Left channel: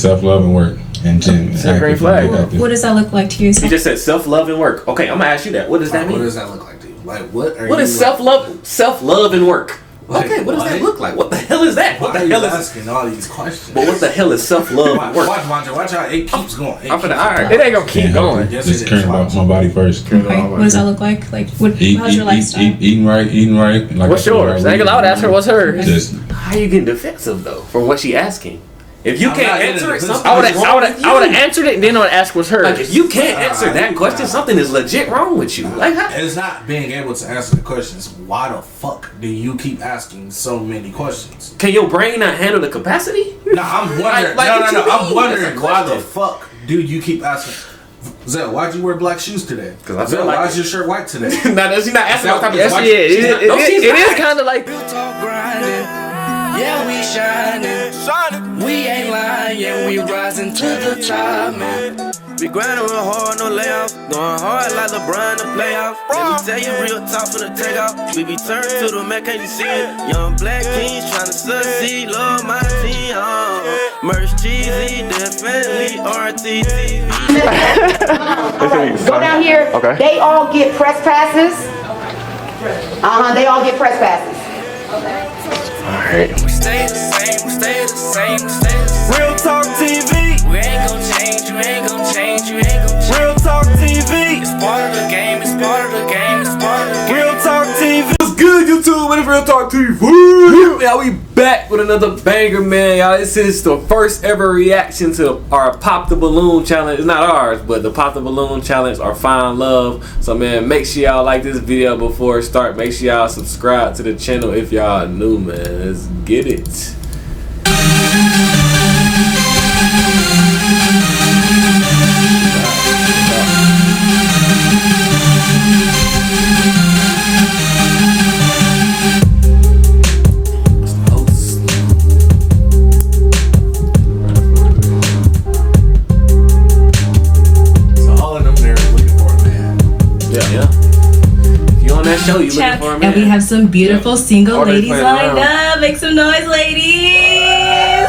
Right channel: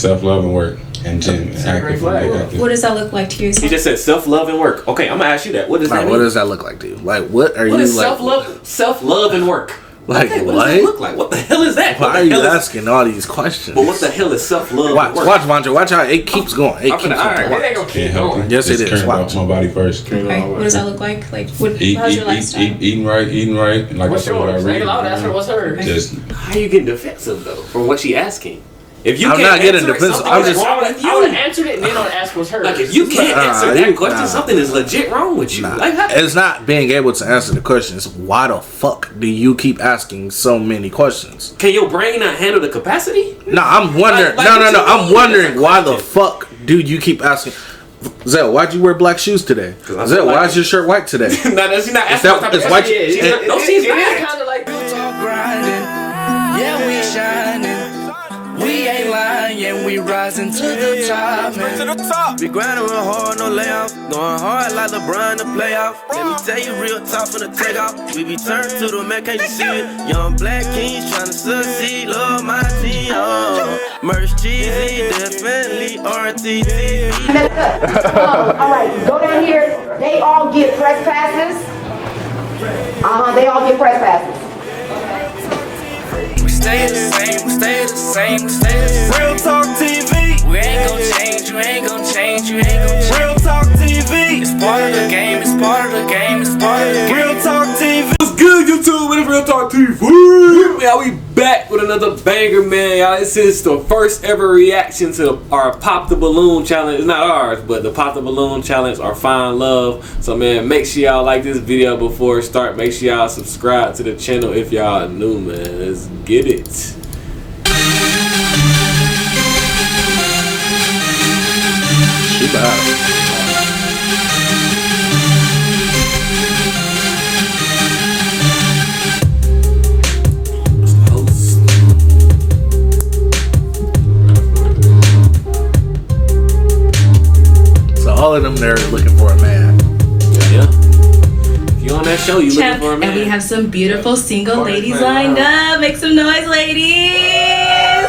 self-love and work. And Jim, what does that look like to you? You just said self-love and work. Okay, I'm gonna ask you that. What does that mean? What does that look like to you? Like, what are you? What is self-love and work? Like, okay, what does that look like? What the hell is that? Why are you asking all these questions? But what the hell is self-love? Watch, Vandra. Watch how it keeps going. It ain't gonna keep going. Yes, it is. Care about my body first. Okay. What does that look like? Like, how's your lifestyle? Eating right. Like what's yours? I ain't allowed to ask her what's hers. Just, how are you getting defensive though from what she asking? If you can't answer it, something I is wrong with you. I would have answered it and then I would ask what's hers. Like if you can't answer that question, something is legit wrong with you. Like it's not being able to answer the questions. Why the fuck do you keep asking so many questions? Can your brain not handle the capacity? No, I'm wondering. No. I'm wondering why the fuck do you keep asking? Zell, why'd you wear black shoes today? Zell, why is your shirt white today? No, she's not asking what type of question. It is kind of like grinding. Yeah, we shining. We ain't lying, yeah, we rising to the top, man. We grinding real hard, no layoffs. Going hard like LeBron to playoff. Let me tell you real talk from the takeoff. We be turned to the man, can't you see it? Young black kings trying to succeed, love my team. Merch cheesy, definitely RTTV. Alright, go down here. Okay. They all get press passes. They all get press passes. We stay the same, we stay the same, we stay the same. Real Talk TV. We ain't gon' change, you ain't gon' change, you ain't gon' change. Real Talk TV. It's part of the game, it's part of the game, it's part of the game. Real Talk TV. What's good, YouTube? It's Real Talk TV. Y'all, we back with another banger, man. Y'all, this is the first ever reaction to our Pop the Balloon challenge. It's not ours, but the Pop the Balloon challenge, our Find Love. So, man, make sure y'all like this video before it start. Make sure y'all subscribe to the channel if y'all new, man. Let's get it. Show you looking for a man. And we have some beautiful single ladies lined up. Make some noise, ladies.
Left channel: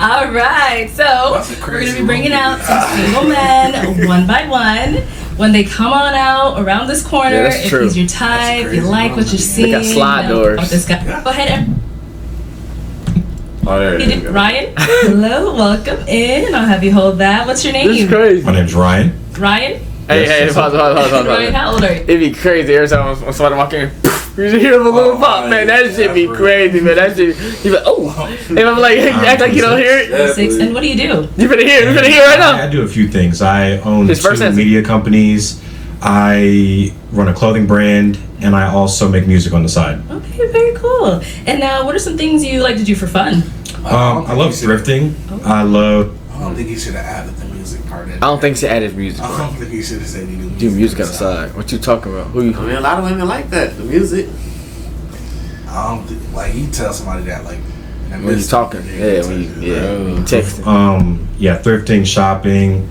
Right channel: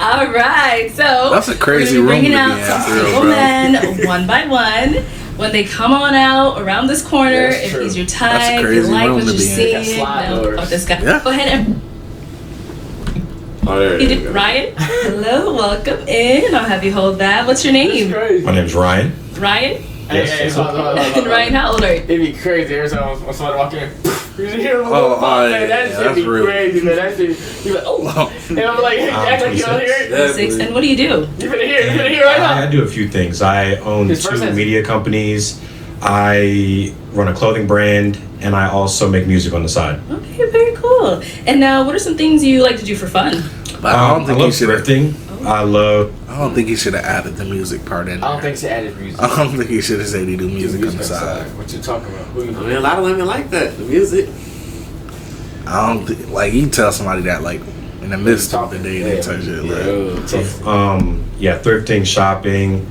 All right, so that's a crazy we're gonna be bringing out some single men one by one. When they come on out around this corner, if he's your type, you like what you're seeing, this guy. Yeah. Go ahead and Ryan. Hello, welcome in. I'll have you hold that. What's your name? My name's Ryan. Ryan? Hey, hold on. Ryan, how old are you? It'd be crazy every time somebody walk in. You hear the balloon pop, man. That shit be crazy, man. That shit, you be like, oh. And I'm like, act like you don't hear it. 6. And what do you do? You finna hear it right now. I do a few things. I own 2 media companies. I run a clothing brand, and I also make music on the side. Okay, very cool. And now, what are some things you like to do for fun? I love thrifting. I don't think he should have added the music part in. I don't think he should added music. I don't think he should have said he do music outside. What you talking about? I mean, a lot of women like that, the music. I don't think, like, you tell somebody that, like, in the midst of talking to you, thrifting, shopping,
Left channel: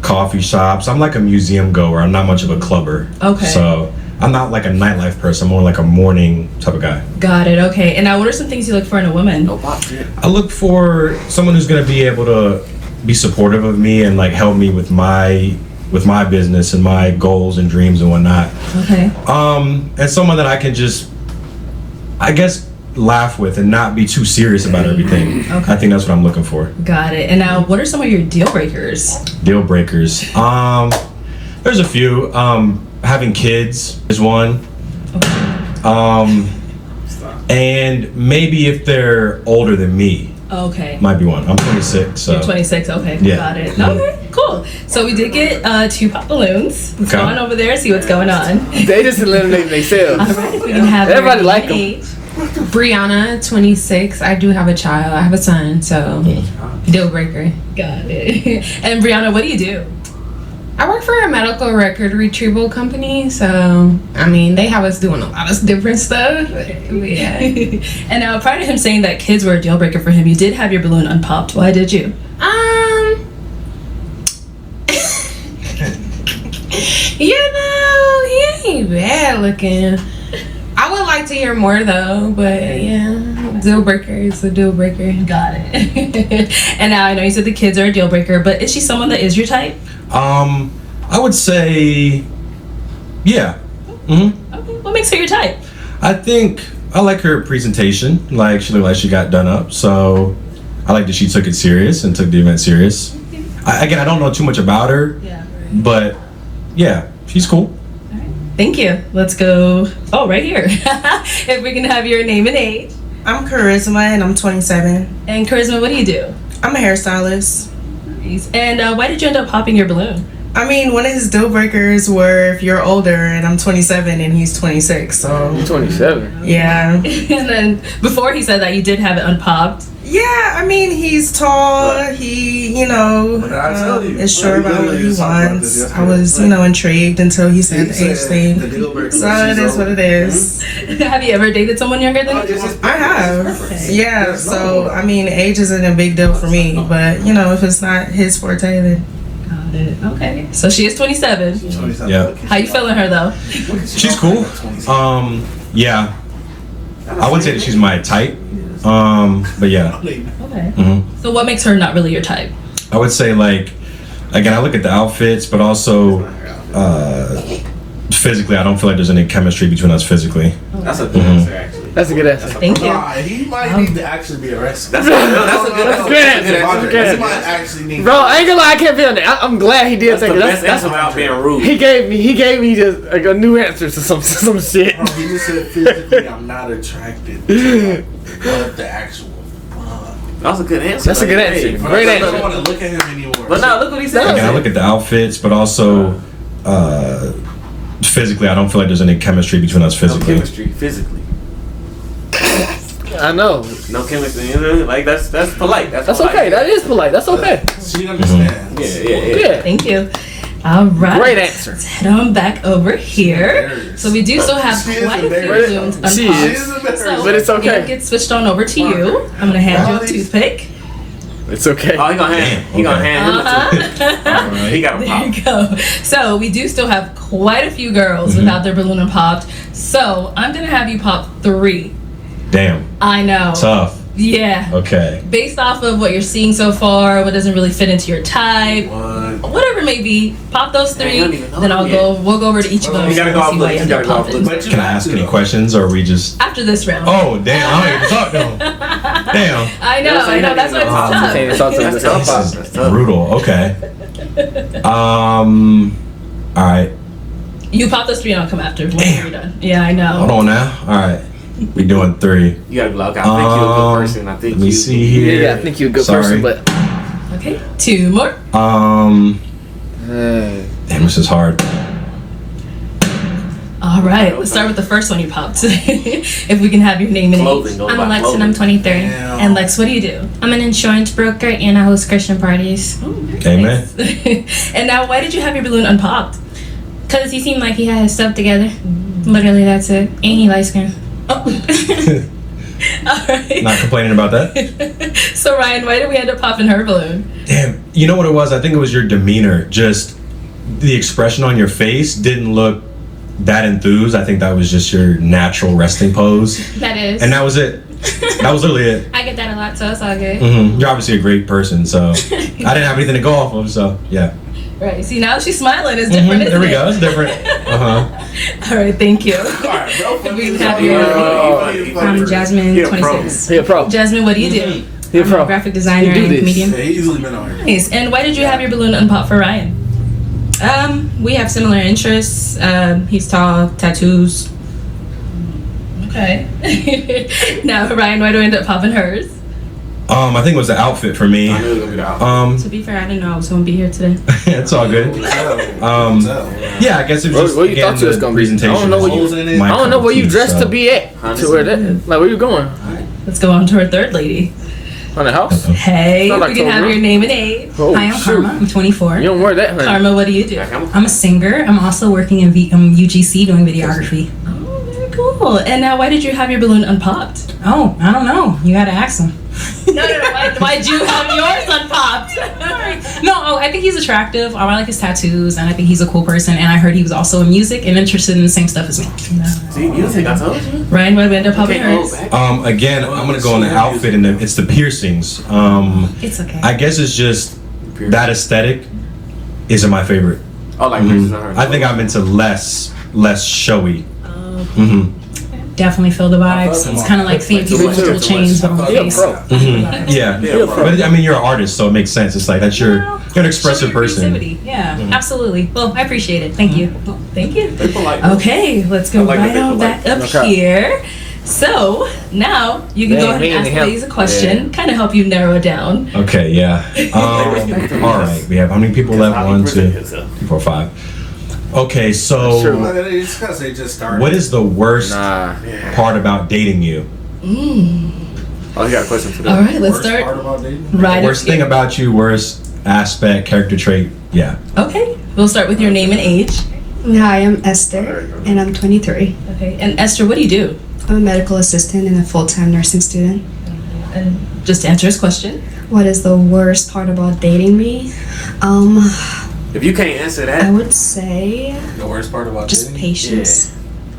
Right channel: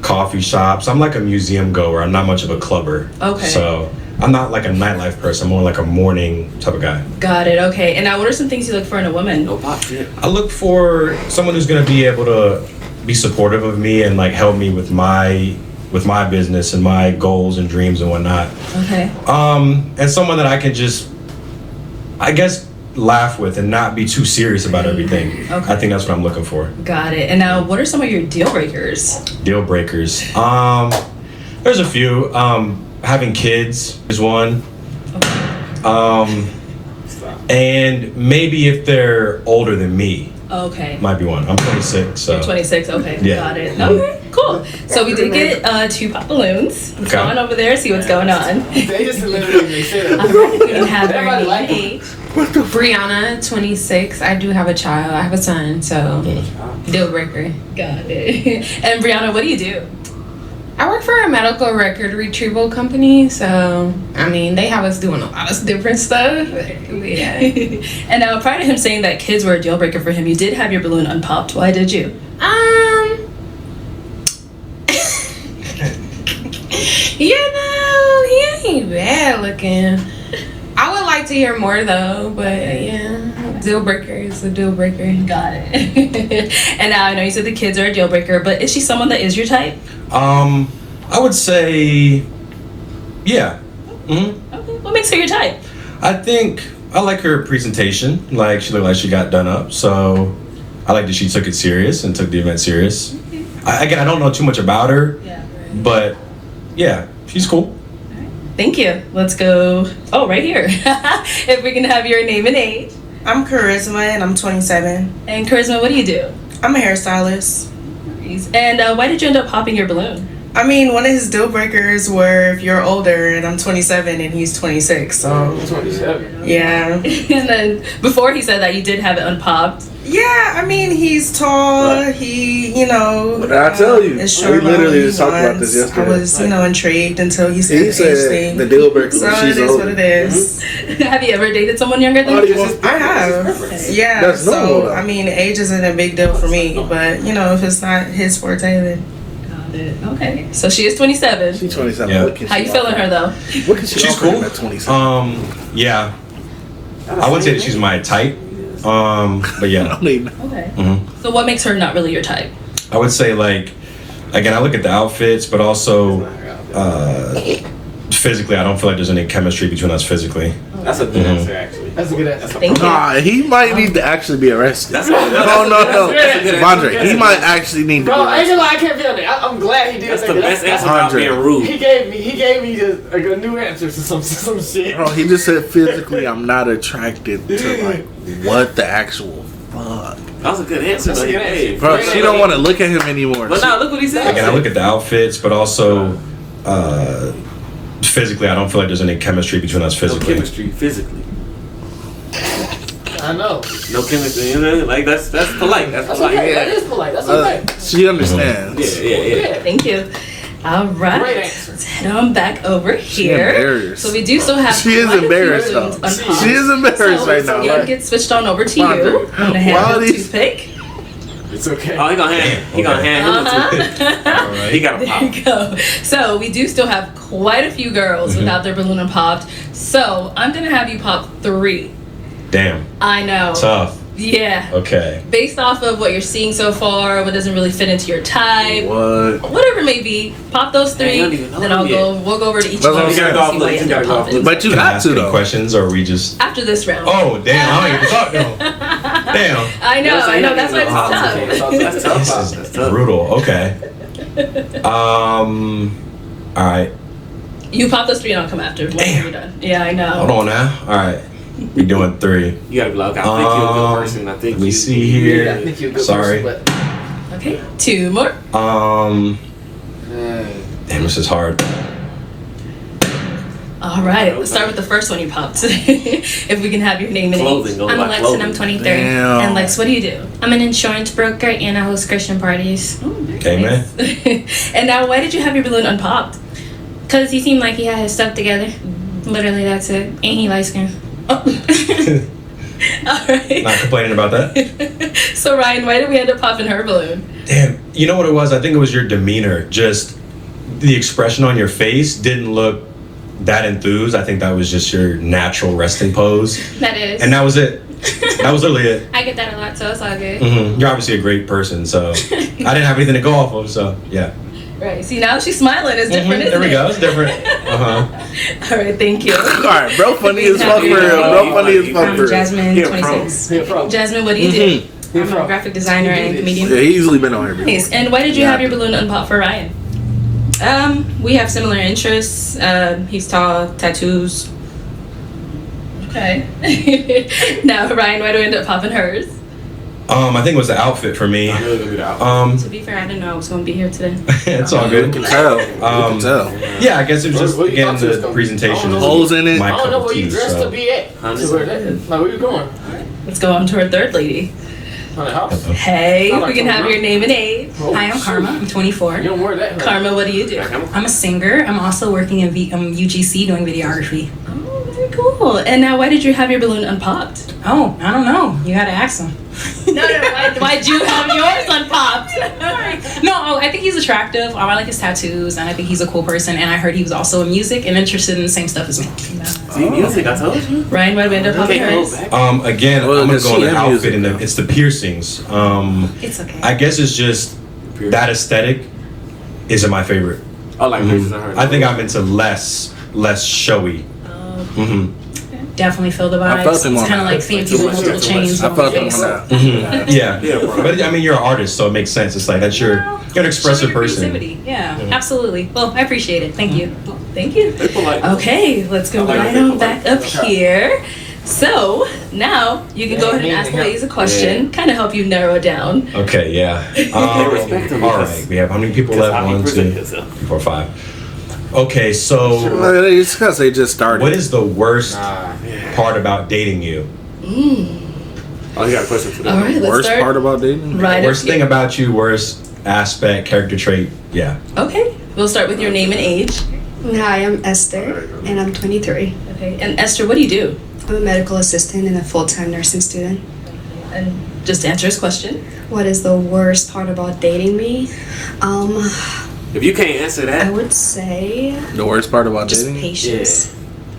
coffee shops. I'm like a museum goer. I'm not much of a clubber. Okay. So I'm not like a nightlife person. I'm more like a morning type of guy. Got it. Okay. And now, what are some things you look for in a woman? No pop shit. I look for someone who's gonna be able to be supportive of me and like help me with my business and my goals and dreams and whatnot. Okay. And someone that I can just, I guess, laugh with and not be too serious about everything. Okay. I think that's what I'm looking for. Got it. And now, what are some of your deal breakers? Deal breakers. There's a few. Having kids is one. Okay. And maybe if they're older than me. Okay. Might be one. I'm 26, so. You're 26, okay. Yeah. Got it. Okay, cool. So we did get 2 pop balloons. Let's go on over there and see what's going on. They just eliminated themselves. All right, if we can have everybody like age. Brianna, 26. I do have a child. I have a son, so deal breaker. Got it. And Brianna, what do you do? I work for a medical record retrieval company, so I mean they have us doing a lot of different stuff. Yeah. And now, prior to him saying that kids were a deal breaker for him, you did have your balloon unpopped. Why did you? You know, he ain't bad looking. I would like to hear more though, but yeah, deal breaker is a deal breaker. Got it. And now I know you said the kids are a deal breaker, but is she someone that is your type? I would say, yeah. Mm-hmm. Okay. What makes her your type? I think I like her presentation. Like, she looked like she got done up. So I like that she took it serious and took the event serious. I don't know too much about her, but yeah, she's cool. Thank you. Let's go. Oh, right here. If we can have your name and age. I'm Charisma and I'm 27. And Charisma, what do you do? I'm a hairstylist. And why did you end up popping your balloon? I mean, one of his deal breakers were if you're older, and I'm 27 and he's 26. So You're 27. Yeah. And then before he said that you did have it unpopped. Yeah, I mean, he's tall. He, you know, What did I tell you? is sure about what he wants. I was, you know, intrigued until he said the age thing. The deal breaker. So it is what it is. Have you ever dated someone younger than you? I have. Yeah. So I mean, age isn't a big deal for me, but you know, if it's not his forte, then. Okay. So she is 27. She's 27. Yeah. How you feeling her though? She's cool. Yeah. I wouldn't say that she's my type. But yeah. Okay. Mm-hmm. So what makes her not really your type? I would say, like, again, I look at the outfits, but also physically, I don't feel like there's any chemistry between us physically. That's a good answer, actually. That's a good answer. Thank you. He might need to actually be arrested. That's a good answer. Andre, he might actually need. Bro, I ain't gonna lie, I can't be on it. I'm glad he did That's think the best answer without being rude. He gave me just like a new answer to some shit. Bro, he just said physically, I'm not attracted to like what the actual fuck. That was a good answer. That's a good answer. Bro, I don't want to look at him anymore. But now look what he said. Again, I look at the outfits, but also physically, I don't feel like there's any chemistry between us No physically. chemistry, physically. I know. No chemistry. You know, like that's polite. That's polite. okay. That is polite. That's okay. She understands. Yeah. Thank you. All right. Great answer. Let's head on back over here. embarrassed. So we do still have She is quite a few embarrassed. balloons unpopped. She is embarrassed. So It's okay. you'll get switched on over to you. I'm gonna hand you a toothpick. It's okay. Oh, he gonna hand him a toothpick. He got a pop. There you go. So we do still have quite a few girls without their balloon unpopped. So I'm gonna have you pop 3. Damn. I know. Tough. Yeah. Okay. Based off of what you're seeing so far, what doesn't really fit into your type, whatever it may be, pop those 3. I don't even know Then them we'll go over to each of Well, them. you gotta go off and see why list. you You end gotta up go off popping. list. But you Can I got ask to any though. questions, or are we just? After this round. Oh, damn! I don't even talk to him. Damn. I know. That's why it's tough. That's tough. This That's is tough. brutal. Okay. All right. You pop those 3 and I'll come after when you're done. Yeah, I know. Hold on now. All right. We doing 3. You gotta be like, I think you're a good person. I think Let me see here. Yeah, I think you're a good Sorry. person, but Okay, 2 more. Damn, this is hard. All right, let's start with the first one you popped. If we can have your name and age. Clothing. Go I'm by Alexa clothing. and I'm 23. Damn. And Lex, what do you do? I'm an insurance broker and I host Christian parties. Oh, very Amen. nice. And now, why did you have your balloon unpopped? Because he seemed like he had his stuff together. Literally, that's it. And he light skinned. All right. Not complaining about that. So Ryan, why did we end up popping her balloon? Damn. You know what it was? I think it was your demeanor. Just the expression on your face didn't look that enthused. I think that was just your natural resting pose. That is. And that was it. That was literally it. I get that a lot, so it's all good. You're obviously a great person, so I didn't have anything to go off of, so yeah. Right. See, now she's smiling. It's different, isn't There we it? go. It's different. All right. Thank you. Alright, bro, funny as Have fuck. your- Bro, funny as fuck. I'm Jasmine, You're a pro. 26. he a pro. Jasmine, what do you do? I'm a graphic designer You do and this. comedian. Yeah, he's easily been on here. Nice. And why did you have your balloon unpopped for Ryan? We have similar interests. He's tall, tattoos. Okay. Now, Ryan, why do we end up popping hers? I think it was the outfit for me. I knew it was gonna be the outfit. To be fair, I didn't know I was going to be here today. It's all good. Tell. Yeah, I guess it was just Where you again thought you was the gonna be? I presentation. don't know was where Holes in it. my I don't know cup where of you tea, dressed so. to be at. Honestly. To where that, like, where you going? Let's go on to our third lady. On the house? Hey, Sound if like we can have Toronto. your name and age. Oh, Hi, I'm shoot. Karma. I'm 24. You don't wear that. Right? Karma, what do you do? I'm a singer. I'm also working in UGC doing videography. Oh, very cool. And now, why did you have your balloon unpopped? Oh, I don't know. You gotta ask them. No, why'd you have yours unpopped? No, I think he's attractive. I like his tattoos, and I think he's a cool person. And I heard he was also in music and interested in the same stuff as me. See, music, I told you. Ryan, why Vander popping hers? Again, I'm gonna go on the outfit and it's the piercings. It's okay. I guess it's just that aesthetic isn't my favorite. Oh, like I think I'm into less showy. Definitely feel the vibes. It's kind of like seeing people with little chains on their face. Yeah, but I mean, you're an artist, so it makes sense. It's like that's you're an expressive person. Yeah, absolutely. Well, I appreciate it. Thank you. Thank you. Okay, let's go right on back up here. So now you can go ahead and ask ladies a question, kind of help you narrow it down. Okay, yeah. All right, we have how many people left? 1, 2, 3, 4, 5. Okay, so it's because they just started. What is the worst part about dating you? Oh, you got a question for that. All right, let's worst start. part about dating? Right. Worst thing about you, worst aspect, character trait. Yeah. Okay, we'll start with your name and age. Hi, I'm Esther, and I'm 23. Okay, and Esther, what do you do? I'm a medical assistant and a full-time nursing student. And just to answer his question. What is the worst part about dating me? If you can't answer that, I would say the worst part about just dating? patience.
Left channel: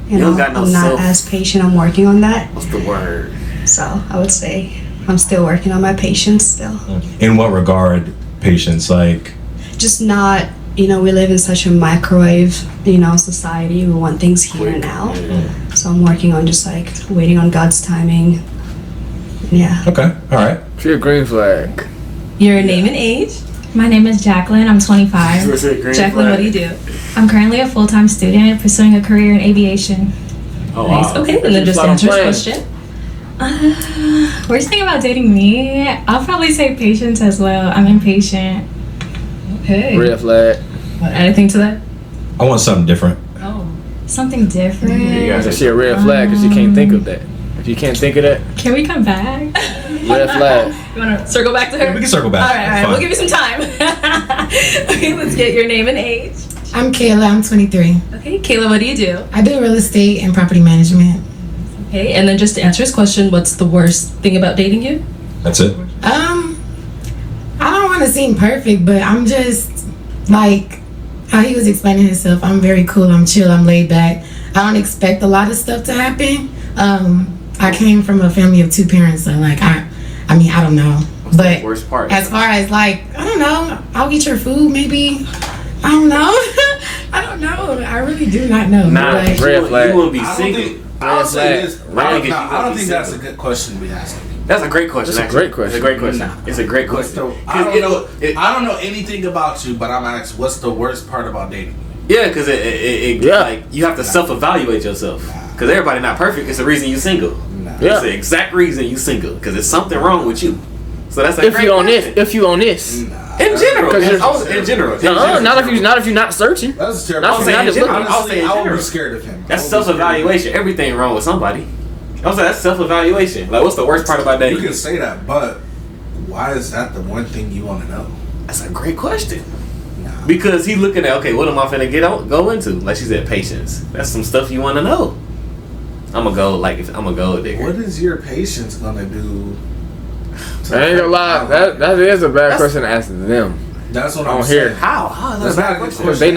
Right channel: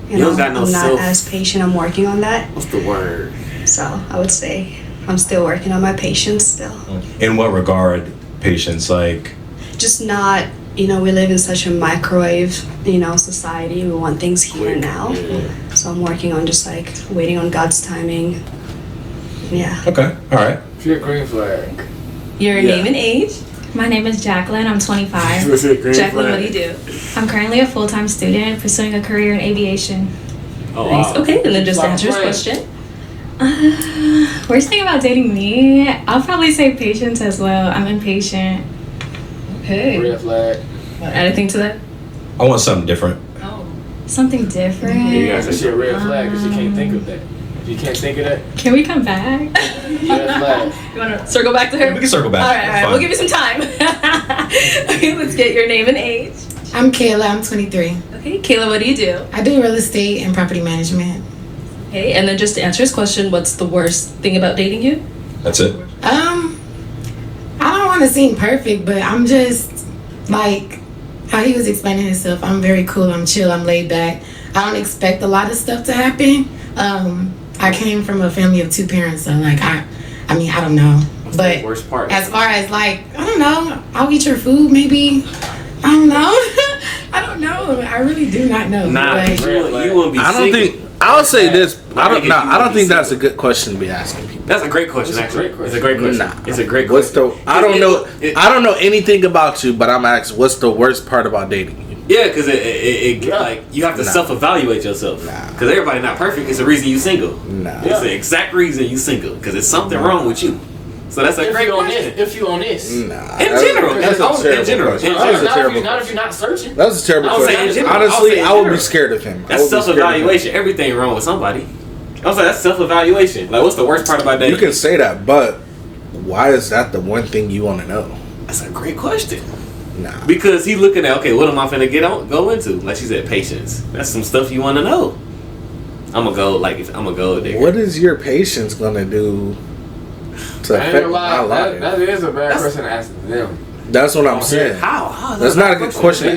You don't got no I'm self. not as patient. I'm working on that. What's the word? So I would say I'm still working on my patience still. In what regard, patience? Like, Just not, we live in such a microwave, society. We want things here and now. So I'm working on just like waiting on God's timing. Yeah. okay, all right. She a green flag. Your name and age. My name is Jacqueline. I'm 25. Jacqueline, what do you do? I'm currently a full-time student pursuing a career in aviation. Oh, Nice. wow. Okay, and then just to answer his question. Worst thing about dating me, I'll probably say patience as well. I'm impatient. Okay. Red flag. Want to add anything to that? I want something different. Oh, something different. Yeah, that's a red flag because you can't think of that. If you can't think of that, Can we come back? red flag. You want to circle back to her? Yeah, we can circle back. All right. We'll give you some time. Okay, let's get your name and age. I'm Kayla. I'm 23. Okay, Kayla, what do you do? I do real estate and property management. Okay, and then just to answer his question, what's the worst thing about dating you? That's it. I don't want to seem perfect, but I'm just like how he was explaining himself. I'm very cool. I'm chill. I'm laid back. I don't expect a lot of stuff to happen. I came from a family of 2 parents, so like I don't know. What's But the worst part? as far as like, I don't know, I'll eat your food maybe. I don't know. I don't know. I really do not know. Nah, Like, you wouldn't be I don't single. think. I'll say this. I don't think that's a good. good question to be asking people. That's a great question. That's a actually. great question. It's a great question. Nah. It's a great What's question. the? I don't know. I don't know anything about you, but I'm asking, what's the worst part about dating you? Yeah, because like you have to self-evaluate yourself. Because everybody not perfect. It's the reason you single. It's the exact reason you single. Because there's something wrong with you. So that's a If great you on question. this, if you on this, In general, in general. not if you're not searching. That's a terrible. I was saying in general. Honestly, I would be general. scared of him. That's self-evaluation. Everything wrong with somebody. I was like, that's self-evaluation. Like, what's the worst part about dating? You can say that, but why is that the one thing you want to know? That's a great question. Because he looking at, okay, what am I finna go into? Like she said, patience. That's some stuff you want to know. I'm gonna go there. What is your patience gonna do? I ain't gonna lie. That is a bad question to ask them. That's what I'm saying. How? That's not a good question.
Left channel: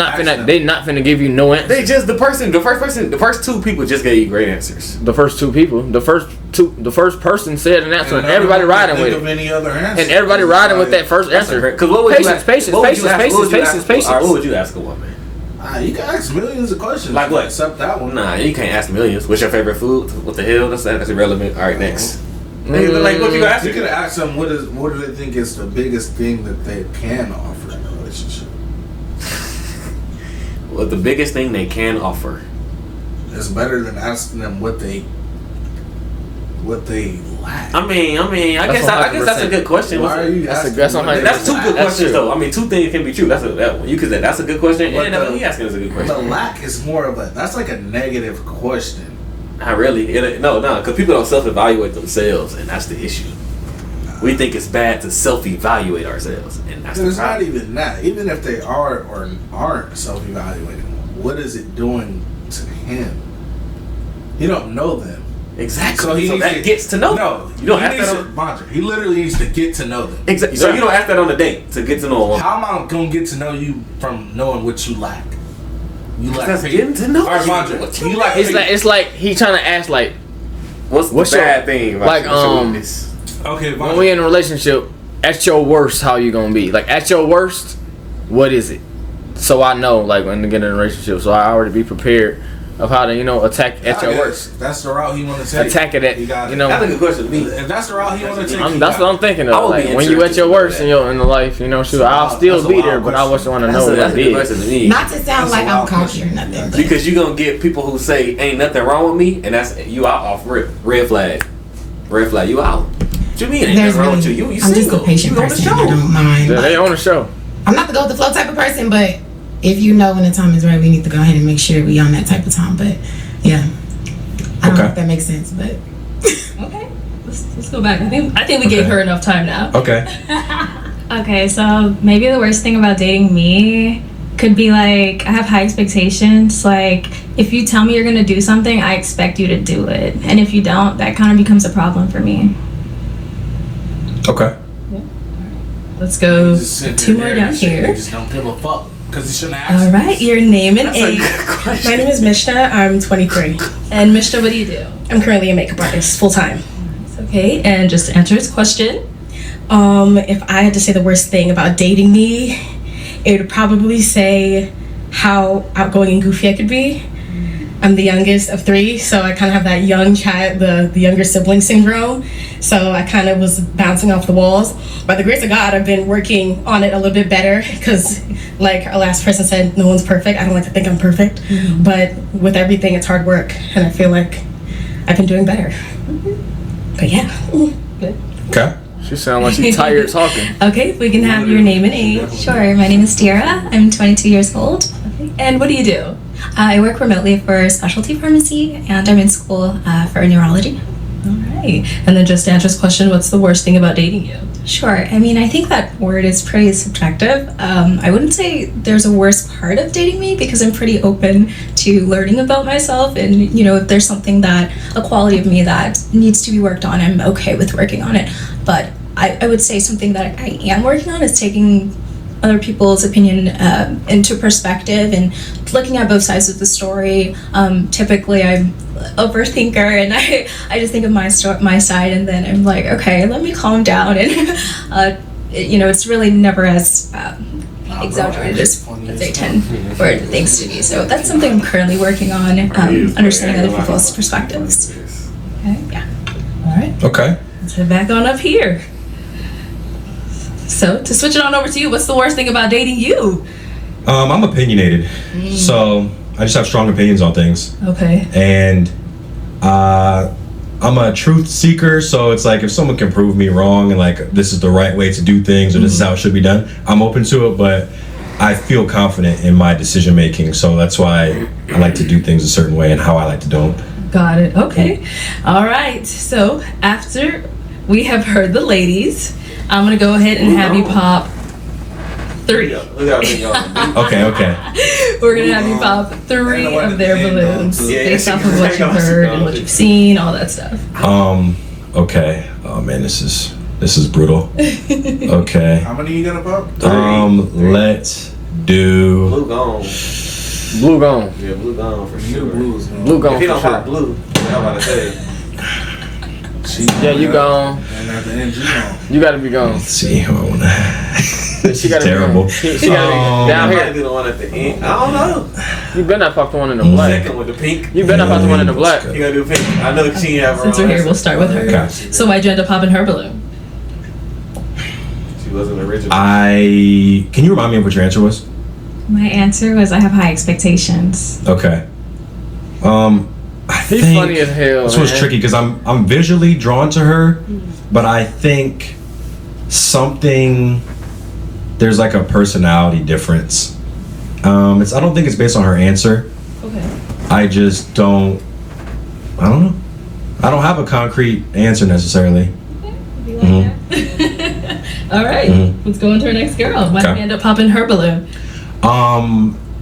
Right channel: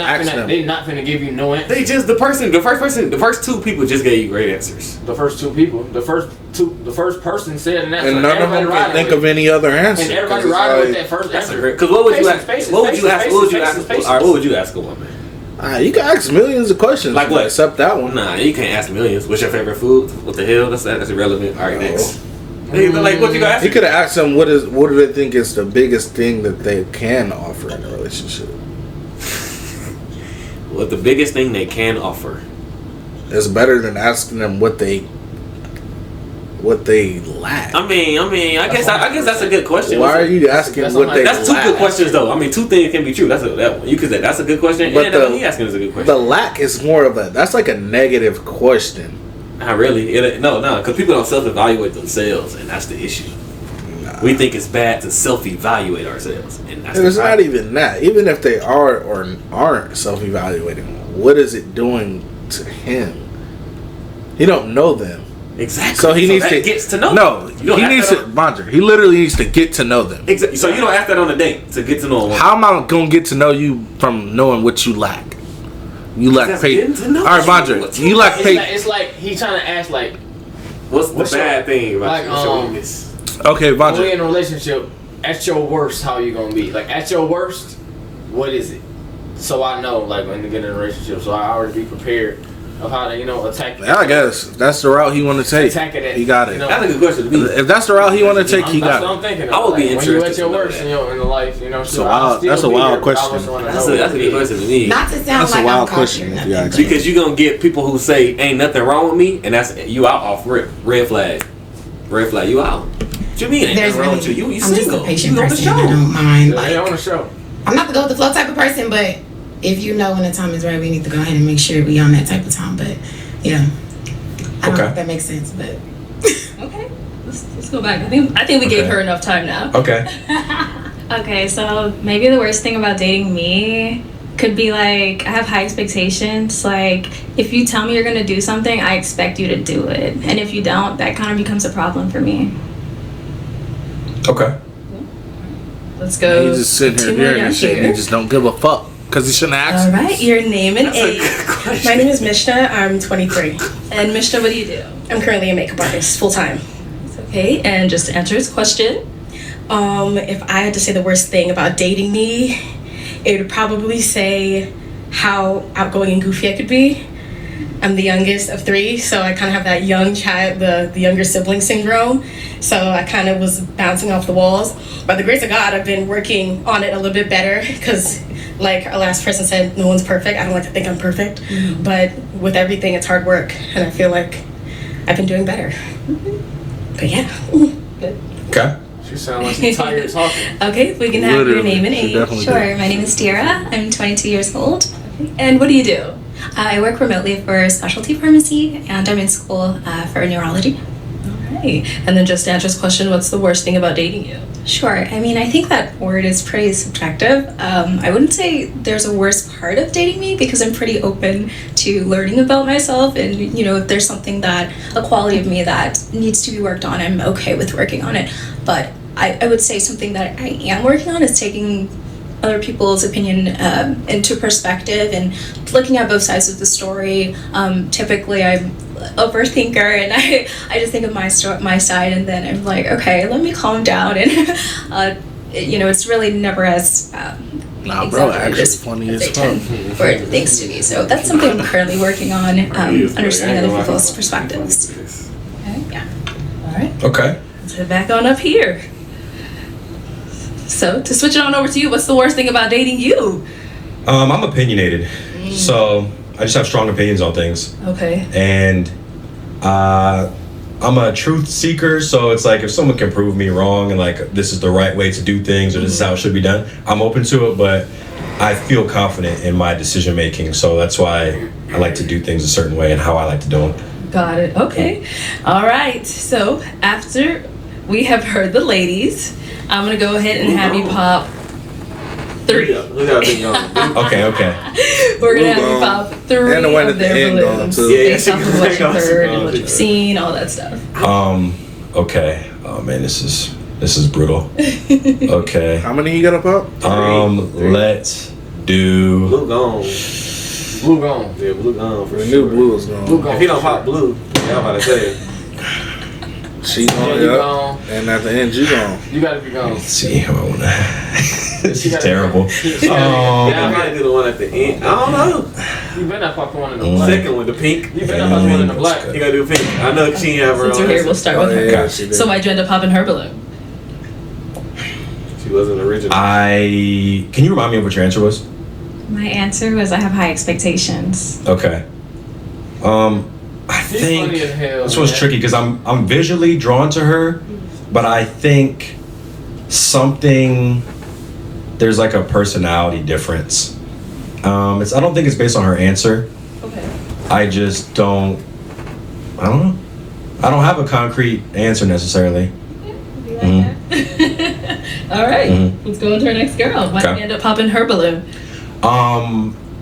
They not finna give you no answer. They just the first 2 people just gave you great answers. The first 2 people, the first person said an answer, and everybody riding with it. Think of any other answer. And everybody riding with that first answer. Because what would you ask? Patience. What would you ask a woman? You can ask millions of questions. Like what? Except that one. Nah, you can't ask millions. What's your favorite food? What the hell? That's irrelevant. All right, next. Like what you gonna ask? You could have asked them what do they think is the biggest thing that they can offer in a relationship. Well, the biggest thing they can offer. It's better than asking them what they lack. I guess that's a good question. Why are you asking what they That's 2 lack? good questions though. 2 things can be true. That's you could say that's a good question, But and that one he asking is a good question. The lack is more of that's like a negative question. Not really. No, because people don't self-evaluate themselves, and that's the issue. We think it's bad to self-evaluate ourselves, and that's It's not even that. Even if they are or aren't self-evaluating, what is it doing to him? You don't know them. Exactly. So he needs to gets to know. No, you don't he have needs to. Mondre, he literally needs to get to know them. Exactly. So you don't ask that on a date to get to know them. How am I gonna get to know you from knowing what you lack? You lack patience. All right, Mondre, you lack patience. It's like he trying to ask like, what's the bad thing about like your weakness? Okay, when Mondre. we in a relationship, at your worst, how you gonna be? Like at your worst, what is it? So I know, like when to get in a relationship, so I already be prepared of how to, attack. Yeah, I guess that's the route he want to take. Attack it at. He got it. That's a good question to me. If that's the route he want to take, That's what I'm thinking of. I would like, be when interested you at your to know worst that. in the life, shoot, that's I'll a still be wild there, but I question. just want to That's know. a good question to me. Not to sound like I'm cocky or nothing. but- Because you're gonna get people who say ain't nothing wrong with me, and that's you out off rip. Red flag. Red flag. You out. What you mean ain't There's nothing wrong really, with you? You I'm just single. a patient You on the person. I show. don't mind. Yeah, they on the show. I'm not the go with the flow type of person, but if you know when the time is right, we need to go ahead and make sure we on that type of time. But yeah, I don't know if that makes sense, but Okay, let's go back. I think we gave her enough time now. Okay. Okay, so maybe the worst thing about dating me could be like I have high expectations. Like if you tell me you're gonna do something, I expect you to do it, and if you don't, that kind of becomes a problem for me. Okay. Let's go. He just sitting two more here down and shit. here. He just don't give a fuck because he shouldn't ask. All right, your name and age. My name is Mishna. I'm 23. And Mishna, what do you do? I'm currently a makeup artist, full time. Okay, and just to answer his question. If I had to say the worst thing about dating me, it would probably say how outgoing and goofy I could be. I'm the youngest of 3, so I kind of have that young child, the younger sibling syndrome. So I kind of was bouncing off the walls. By the grace of God, I've been working on it a little bit better because, like our last person said, no one's perfect. I don't like to think I'm perfect, but with everything, it's hard work, and I feel like I've been doing better. But yeah. Good. Okay. She sound like she's tired talking. Okay, if we can have your name and age. Sure, my name is Tiara. I'm 22 years old. Okay. And what do you do? I work remotely for a specialty pharmacy, and I'm in school for neurology. All right. And then just to answer this question, what's the worst thing about dating you? Sure. I mean, I think that word is pretty subjective. I wouldn't say there's a worst part of dating me because I'm pretty open to learning about myself. And, if there's something a quality of me that needs to be worked on, I'm okay with working on it. But I would say something that I am working on is taking other people's opinion into perspective and looking at both sides of the story. Typically, I'm overthinker and I just think of my side, and then I'm like, okay, let me calm down, and it's really never as exaggerated as they tend for things to be. So that's something I'm currently working on, understanding other people's perspectives. Okay. Yeah. All right. Okay. Let's head back on up here. So to switch it on over to you, what's the worst thing about dating you? I'm opinionated, so I just have strong opinions on things. Okay. And I'm a truth seeker, so it's like if someone can prove me wrong and like this is the right way to do things or this is how it should be done, I'm open to it, but I feel confident in my decision making, so that's why I like to do things a certain way and how I like to do them. Got it. Okay. All right. So after we have heard the ladies, I'm gonna go ahead and have you pop 3. Okay. We're gonna have you pop 3 of their balloons based off of what you've heard and what you've seen, all that stuff. Okay. Oh man, this is brutal. Okay. How many you got to pop? Let's do. Blue gone. Blue gone. Yeah, blue gone for New sure. blue is gone. Blue gone. If he don't for pop blue, yeah, I'm about to say. She's you gone. And at the end, you gone. You gotta be gone. Let's see. This is terrible. Yeah, I'm gonna do the one at the end. I don't know. You better not pop the one in the black. Second with the pink. You better not pop the one in the black. You gotta do pink. I know she have her. Since we're here, we'll start with her. Gotcha. So why'd you end up popping her balloon? She wasn't original. Can you remind me of what your answer was? My answer was I have high expectations. Okay. I He's think funny as hell, this one's man. tricky because I'm visually drawn to her, but I think there's like a personality difference. I don't think it's based on her answer. Okay. I just don't know. I don't have a concrete answer necessarily. All right. Let's go into our next girl. Why did you end up popping her balloon?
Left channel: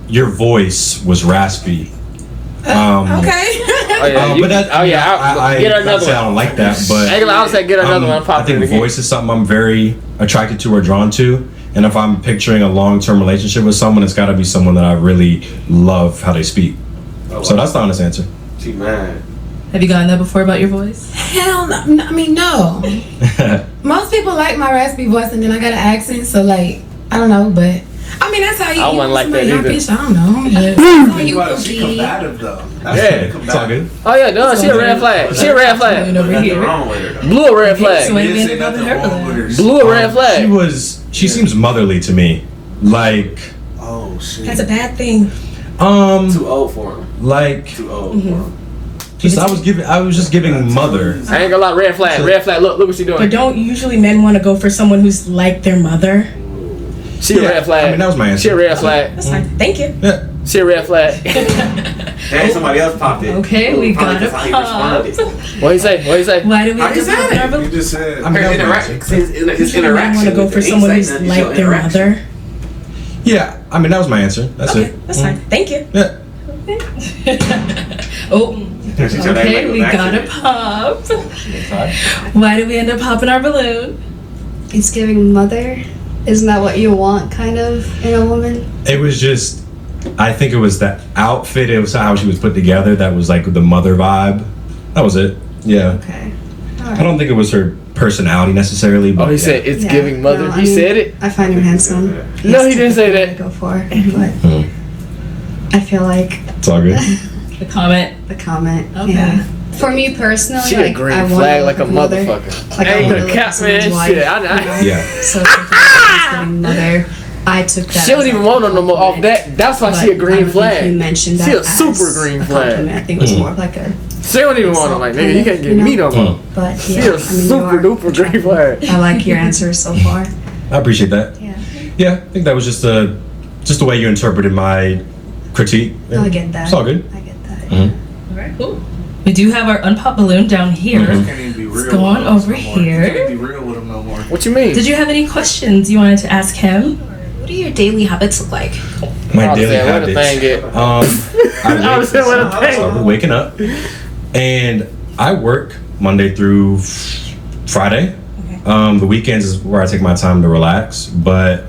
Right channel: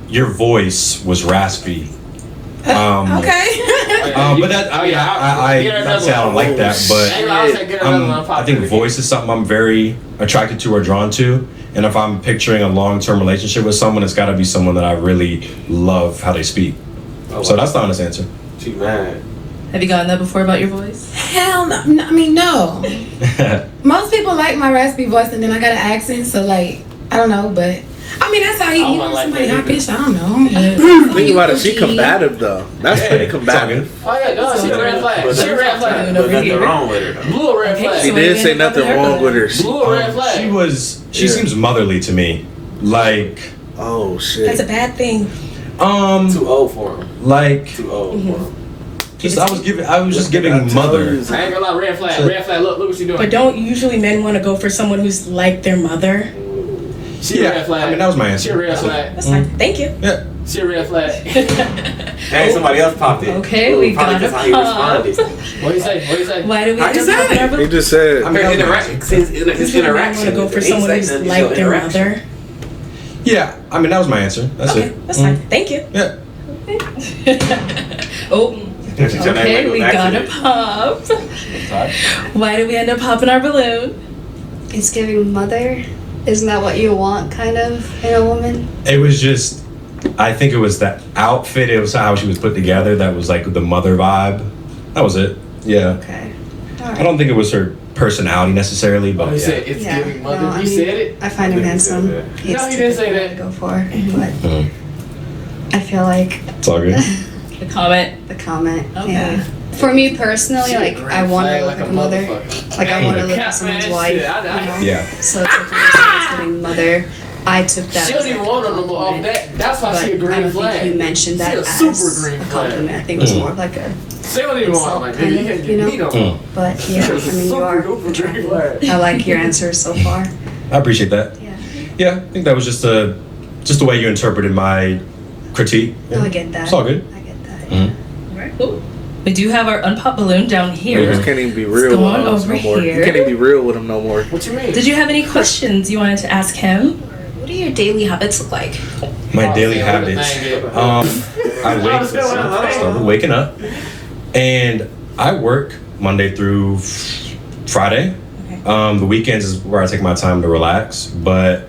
Your voice was raspy. Okay. But that, I mean, I not say I don't like that, but I think voice is something I'm very attracted to or drawn to. And if I'm picturing a long-term relationship with someone, it's got to be someone that I really love how they speak. So that's the honest answer. She mad. Have you gotten that before about your voice? Hell no. I mean, no. Most people like my raspy voice, and then I got an accent, so like, I don't know, but I mean, that's how you want somebody high pitched. I don't know. Think about it. She combative though. That's pretty combative. Oh yeah, no, she a red flag. She a red flag. Nothing wrong with her. Blue a red flag. She didn't say nothing wrong with her. Blue a red flag. She seems motherly to me. Like. Oh shit. That's a bad thing. Too old for him. Like. Too old for him. I was just giving mother. I ain't gonna lie, red flag. Red flag. Look what she doing. But don't usually men want to go for someone who's like their mother? She a red flag. I mean, that was my answer. She a red flag. That's fine. Thank you. Yeah. She a red flag. And somebody else popped in. Okay, we got a pop. What you say? Why do we He just said. I mean, his Men want to go for someone who's like their mother? Yeah, I mean, that was my answer. That's Okay, it. that's fine. Thank you. Yeah. Okay, we got a pop. Why did we end up popping our balloon? It's giving mother. Isn't that what you want, kind of, in a woman? It was just, I think it was the outfit. It was how she was put together. That was like the mother vibe. That was it. Yeah. Okay. I don't think it was her personality necessarily, but he said it's giving mother. No, You said it. I find him handsome. No, he didn't say that. Go for, but I feel like it's all good. The comment. The comment. Okay. Yeah. For me personally, She a like green I want flag to like look a at mother. motherfucker. Like I Hey, want to the look cat at someone's man wife. shit, I know. you know? Yeah. So it's like giving mother. I took that. She don't even want no more off that. That's why she a I green don't flag. think you mentioned that She a as super green a flag. compliment. I think it was more of like a. She don't even want them. Like, man, you can't You get know? me no more. But yeah, You're I mean, you super are. duper green flag. I like your answers so far. I appreciate that. Yeah. Yeah, I think that was just the way you interpreted my critique. No, I get that. It's all good. I get that. All right, cool. We do have our unpop balloon down here. You can't even be real. It's going with us over no more. here. You can't even be real with him no more. What you mean? Did you have any questions you wanted to ask him? What do your daily habits look like? My daily habits. I started waking up, and I work Monday through Friday. The weekends is where I take my time to relax. But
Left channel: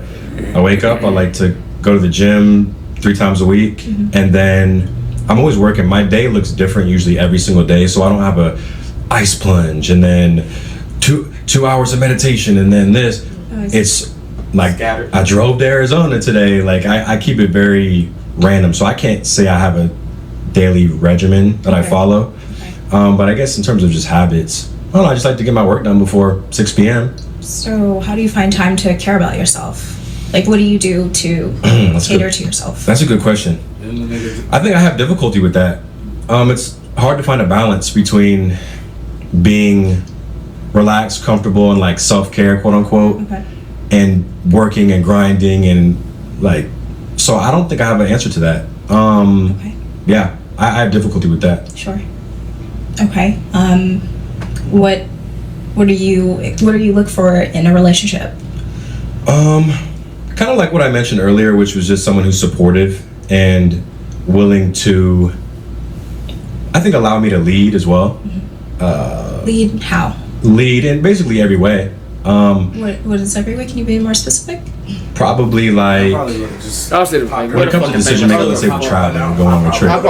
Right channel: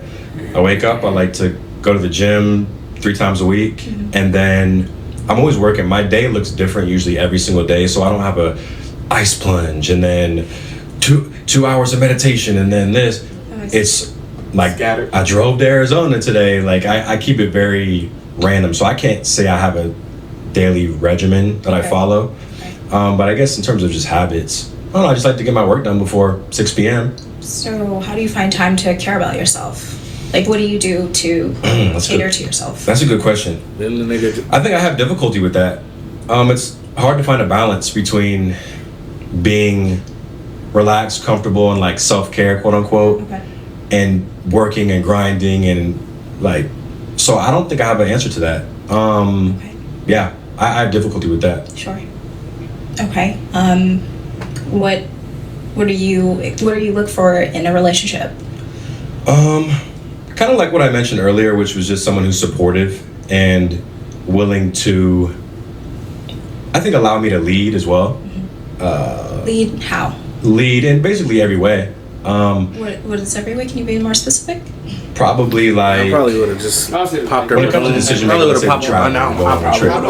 I wake up. I like to go to the gym 3 times a week, and then I'm always working. My day looks different usually every single day, so I don't have a ice plunge and then two hours of meditation and then this. It's like I drove to Arizona today. Like I keep it very random, so I can't say I have a daily regimen that I follow. But I guess in terms of just habits, I don't know. I just like to get my work done before 6 p.m. So how do you find time to care about yourself? Like, what do you do to cater to yourself? That's a good question. I think I have difficulty with that. It's hard to find a balance between being relaxed, comfortable, and like self-care, quote unquote, and working and grinding and like. So I don't think I have an answer to that. Yeah, I have difficulty with that. Sure. Okay. What do you look for in a relationship? Kind of like what I mentioned earlier, which was just someone who's supportive and willing to, I think, allow me to lead as well. Lead how? Lead in basically every way. What is every way? Can you be more specific? Probably like I probably would have just when it comes to decision making, let's say we're traveling, going on a trip, I'll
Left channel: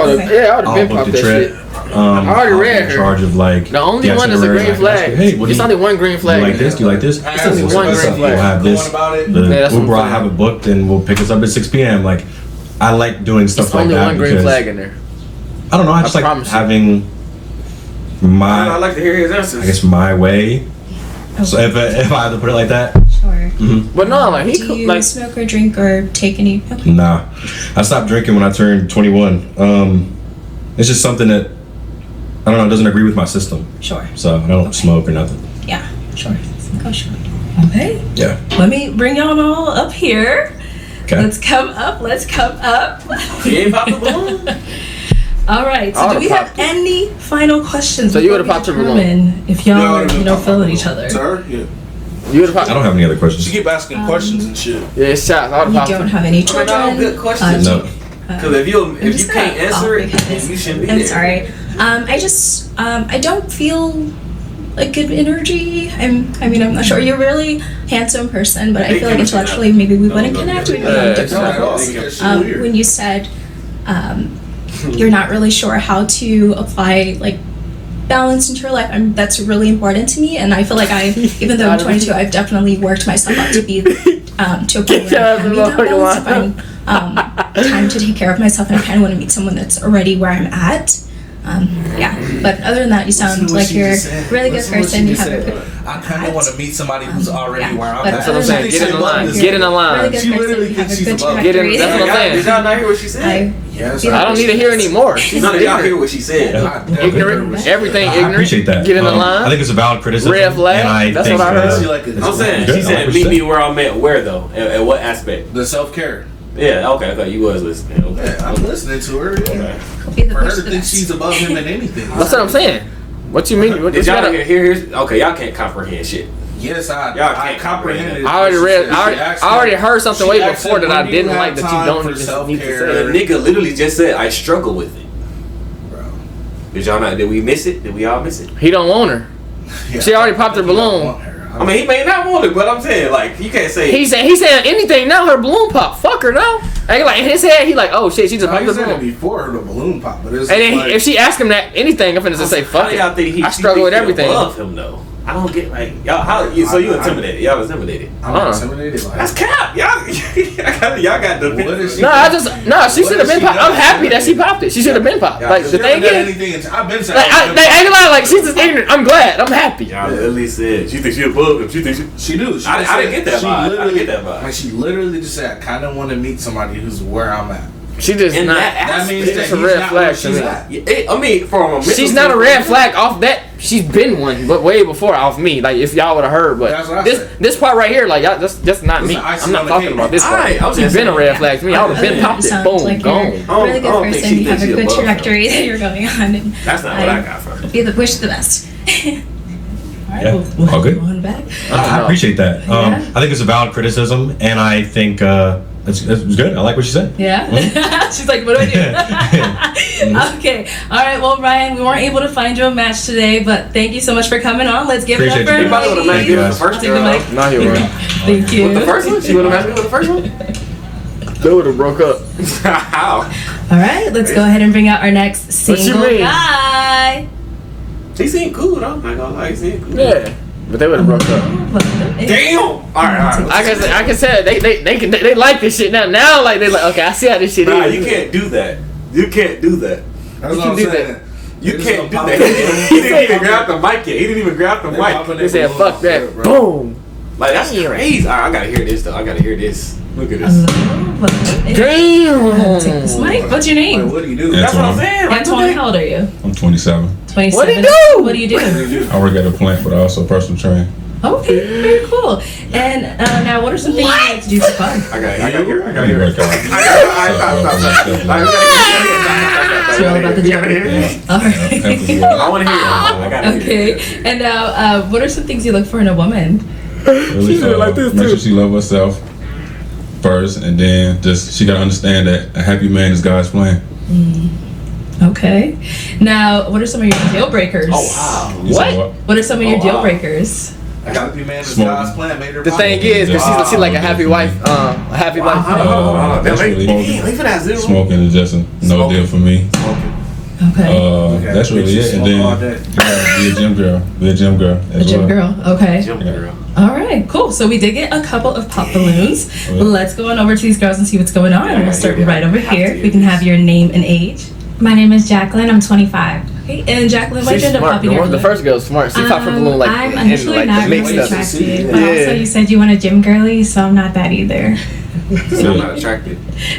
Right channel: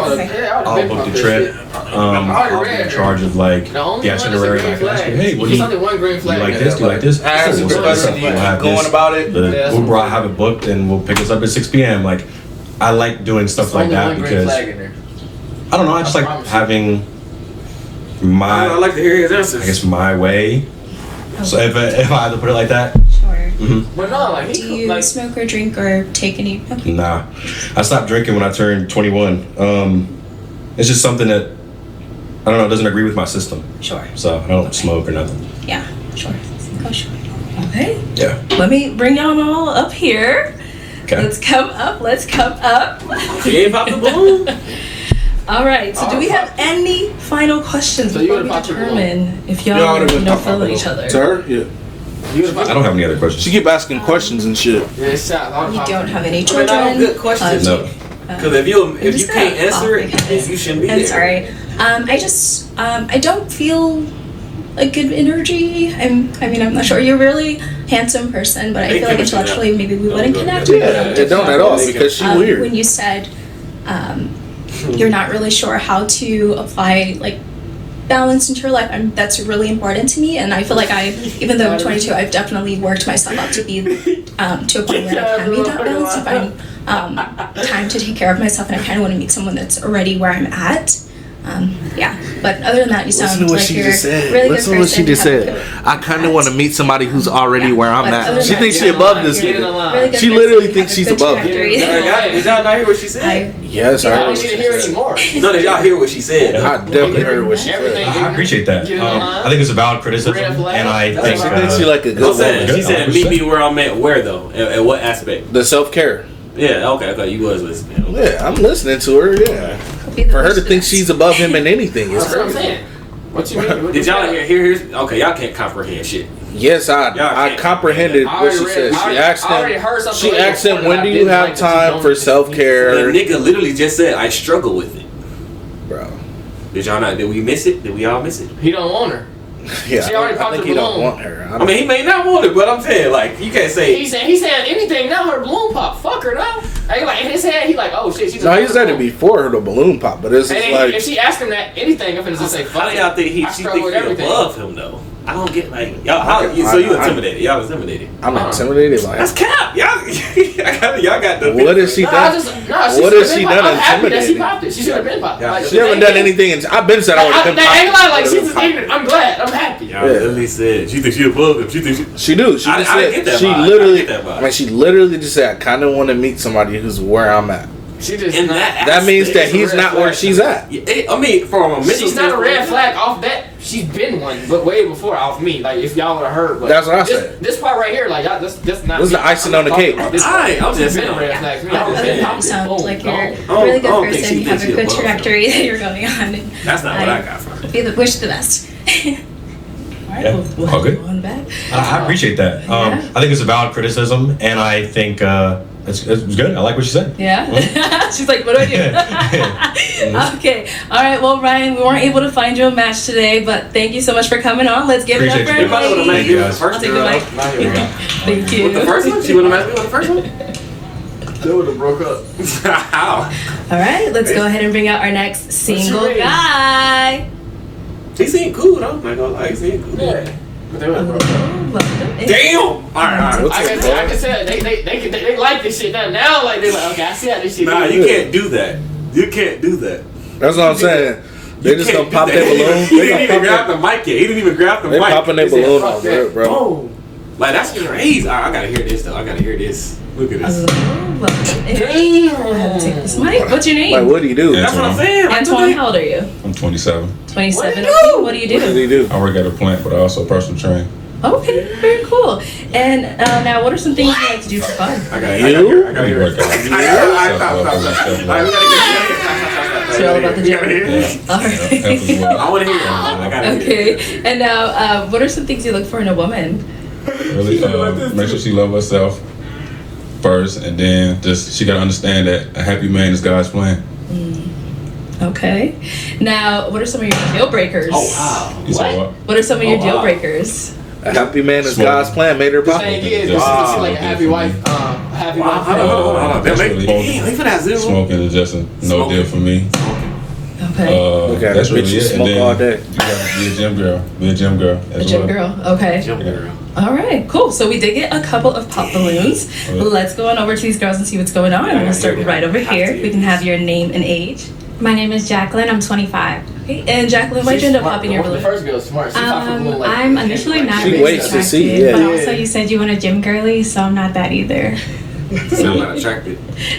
book the trip. I'll be in charge of like the only one is a green flag. Hey, what do There's you only one green flag. Do you like this? Do you like this? We'll set this up. We'll have this. The Uber I'll have it booked and we'll pick us up at 6 p.m. Like I like doing stuff like that because I don't know. I just like having my. I like to hear his answers. I guess my way. So if I had to put it like that. Sure. But no, like do you smoke or drink or take any? Okay. Nah, I stopped drinking when I turned 21. It's just something that I don't know. It doesn't agree with my system. Sure. So I don't smoke or nothing. Yeah. Sure. Oh, sure. Okay. Yeah. Let me bring y'all all up here. Okay. Let's come up. You ain't pop the balloon. All right. So, do we have any final questions So you before gotta we pop the determine if y'all are feeling each other? Sir, yeah. I don't have any other questions. She keep asking questions and shit. Yeah, shots. You don't have any children. Good questions. No. Because if you can't answer it, then you shouldn't be I'm there. sorry. I don't feel like good energy. I'm not sure. You're a really handsome person, but I feel like intellectually maybe we wouldn't connect. We don't at all, because she's weird. When you said you're not really sure how to apply like balance into your life, that's really important to me, and I feel like even though I'm 22, I've definitely worked myself up to be to a point where I can meet that balance, to find time to take care of myself, and I kind of want to meet someone that's already where I'm at. But other than that, you sound like you're a really good person. She just said, I kind of want to meet somebody who's already where I'm at. She thinks she's above this. Get in the line. Really she literally thinks she's above. Did y'all not hear what she said? Yes, I don't need to hear anymore. None of y'all hear what she said. I definitely heard what she said. Everything. I appreciate that. Get in the line. I think it's a valid criticism, Red flag. and I That's think what I She like a I'm saying, she said, meet me where I'm at. Where though? At what aspect? the self-care. Yeah, okay, you was listening. Okay. Yeah, I'm listening to her. Yeah. For her to think she's above him in anything. That's what I'm saying. What you mean? Did y'all hear? Okay, y'all can't comprehend shit. Yes, I comprehended. I already read. I already heard something way before that I didn't like. When do you have time for self-care? The nigga literally just said, I struggle with it. Bro. Did we miss it? Did we all miss it? He don't want her. Yeah, she already popped her balloon. I mean, he may not want it, but I'm saying, like, you can't say. He's saying anything now. Her balloon pop. Fuck her now. And like in his head, he like, oh shit, she's a balloon. He said it before her the balloon pop, but it's. And then like, if she ask him that anything, I'm finna just say, fuck it. Y'all think I struggle with everything. Above him though. I don't get like y'all. So you intimidated? Y'all intimidated? I'm not intimidated. Like that's cap. Y'all got the. What is she? She should have been popped. I'm happy that she popped it. She should have been popped. Like she never done anything. I've been saying. I ain't lying. Like she's just ignorant. I'm glad. I'm happy. Y'all at least said she thinks she above him. She thinks she do. I didn't get that. She vibe. literally, that vibe. like she literally just said, I kind of want to meet somebody who's where I'm at. She just in that means that he's not where she's at. I mean, from a mental she's not a red flag off that. She's been one, but way before off me. Like if y'all would have heard, but that's what I said. This part right here, like y'all just not. This is the icing on the cake. I was just been a red flag to me. I would have been popped it. Boom, like you're a really good person. You have a good trajectory that you're going on. And that's not what I got from her. Wish the best. Yeah, all good. I appreciate that. I think it's a valid criticism, and I think it's good. I like what she said. Yeah? Mm-hmm. She's like, what do I do? Okay. All right. Well, Ryan, we weren't able to find you a match today, but thank you so much for coming on. Let's give it up for everybody. Everybody would have matched you with the first girl. Thank you. With the first one? She would have matched me with the first one? They would have broke up. How? All right. Let's go ahead and bring out our next single guy. He seemed cool, though. I'm not gonna lie. He seemed cool. Yeah. But they would have broke up. Damn! Alright. I can say they like this shit now. Now, like, they're like, okay, I see how this shit is. Nah, you can't do that. You can't do that. That's what I'm saying. You can't do that. He didn't even grab the mic yet. He didn't even grab the mic. He said, fuck that. Boom. Like, that's crazy. I gotta hear this, though. I gotta hear this. Look at this. Damn. Take this mic. What's your name? Like, what do you do? That's what I'm saying. Antoine, how old are you? I'm 27. 27. What do you do? I work at a plant, but I also personal train. Okay, very cool. And now, what are some things you like to do for fun? I gotta hear it. It's all about the gym. All right. I want to hear it. I gotta hear it. Okay. And now, what are some things you look for in a woman? Really, make sure she loves herself first, and then just she gotta understand that a happy man is God's plan. Okay. Now, what are some of your deal breakers? Oh wow. What are some of your deal breakers? A happy man is God's plan made her. The thing is, she's like a happy wife. A happy wife. That's really smoking is just no deal for me. Okay. That's really it. And then you gotta be a gym girl. Be a gym girl. A gym girl. Okay. Gym girl. All right. Cool. So we did get a couple of pop balloons. Let's go on over to these girls and see what's going on. We'll start right over here. We can have your name and age. My name is Jacqueline. I'm 25. Okay. And Jacqueline, why'd you end up popping your balloon? The first girl's smart. She popped her balloon like. I'm initially not really attracted, but also you said you want a gym girly, so I'm not that either. So I'm not attracted.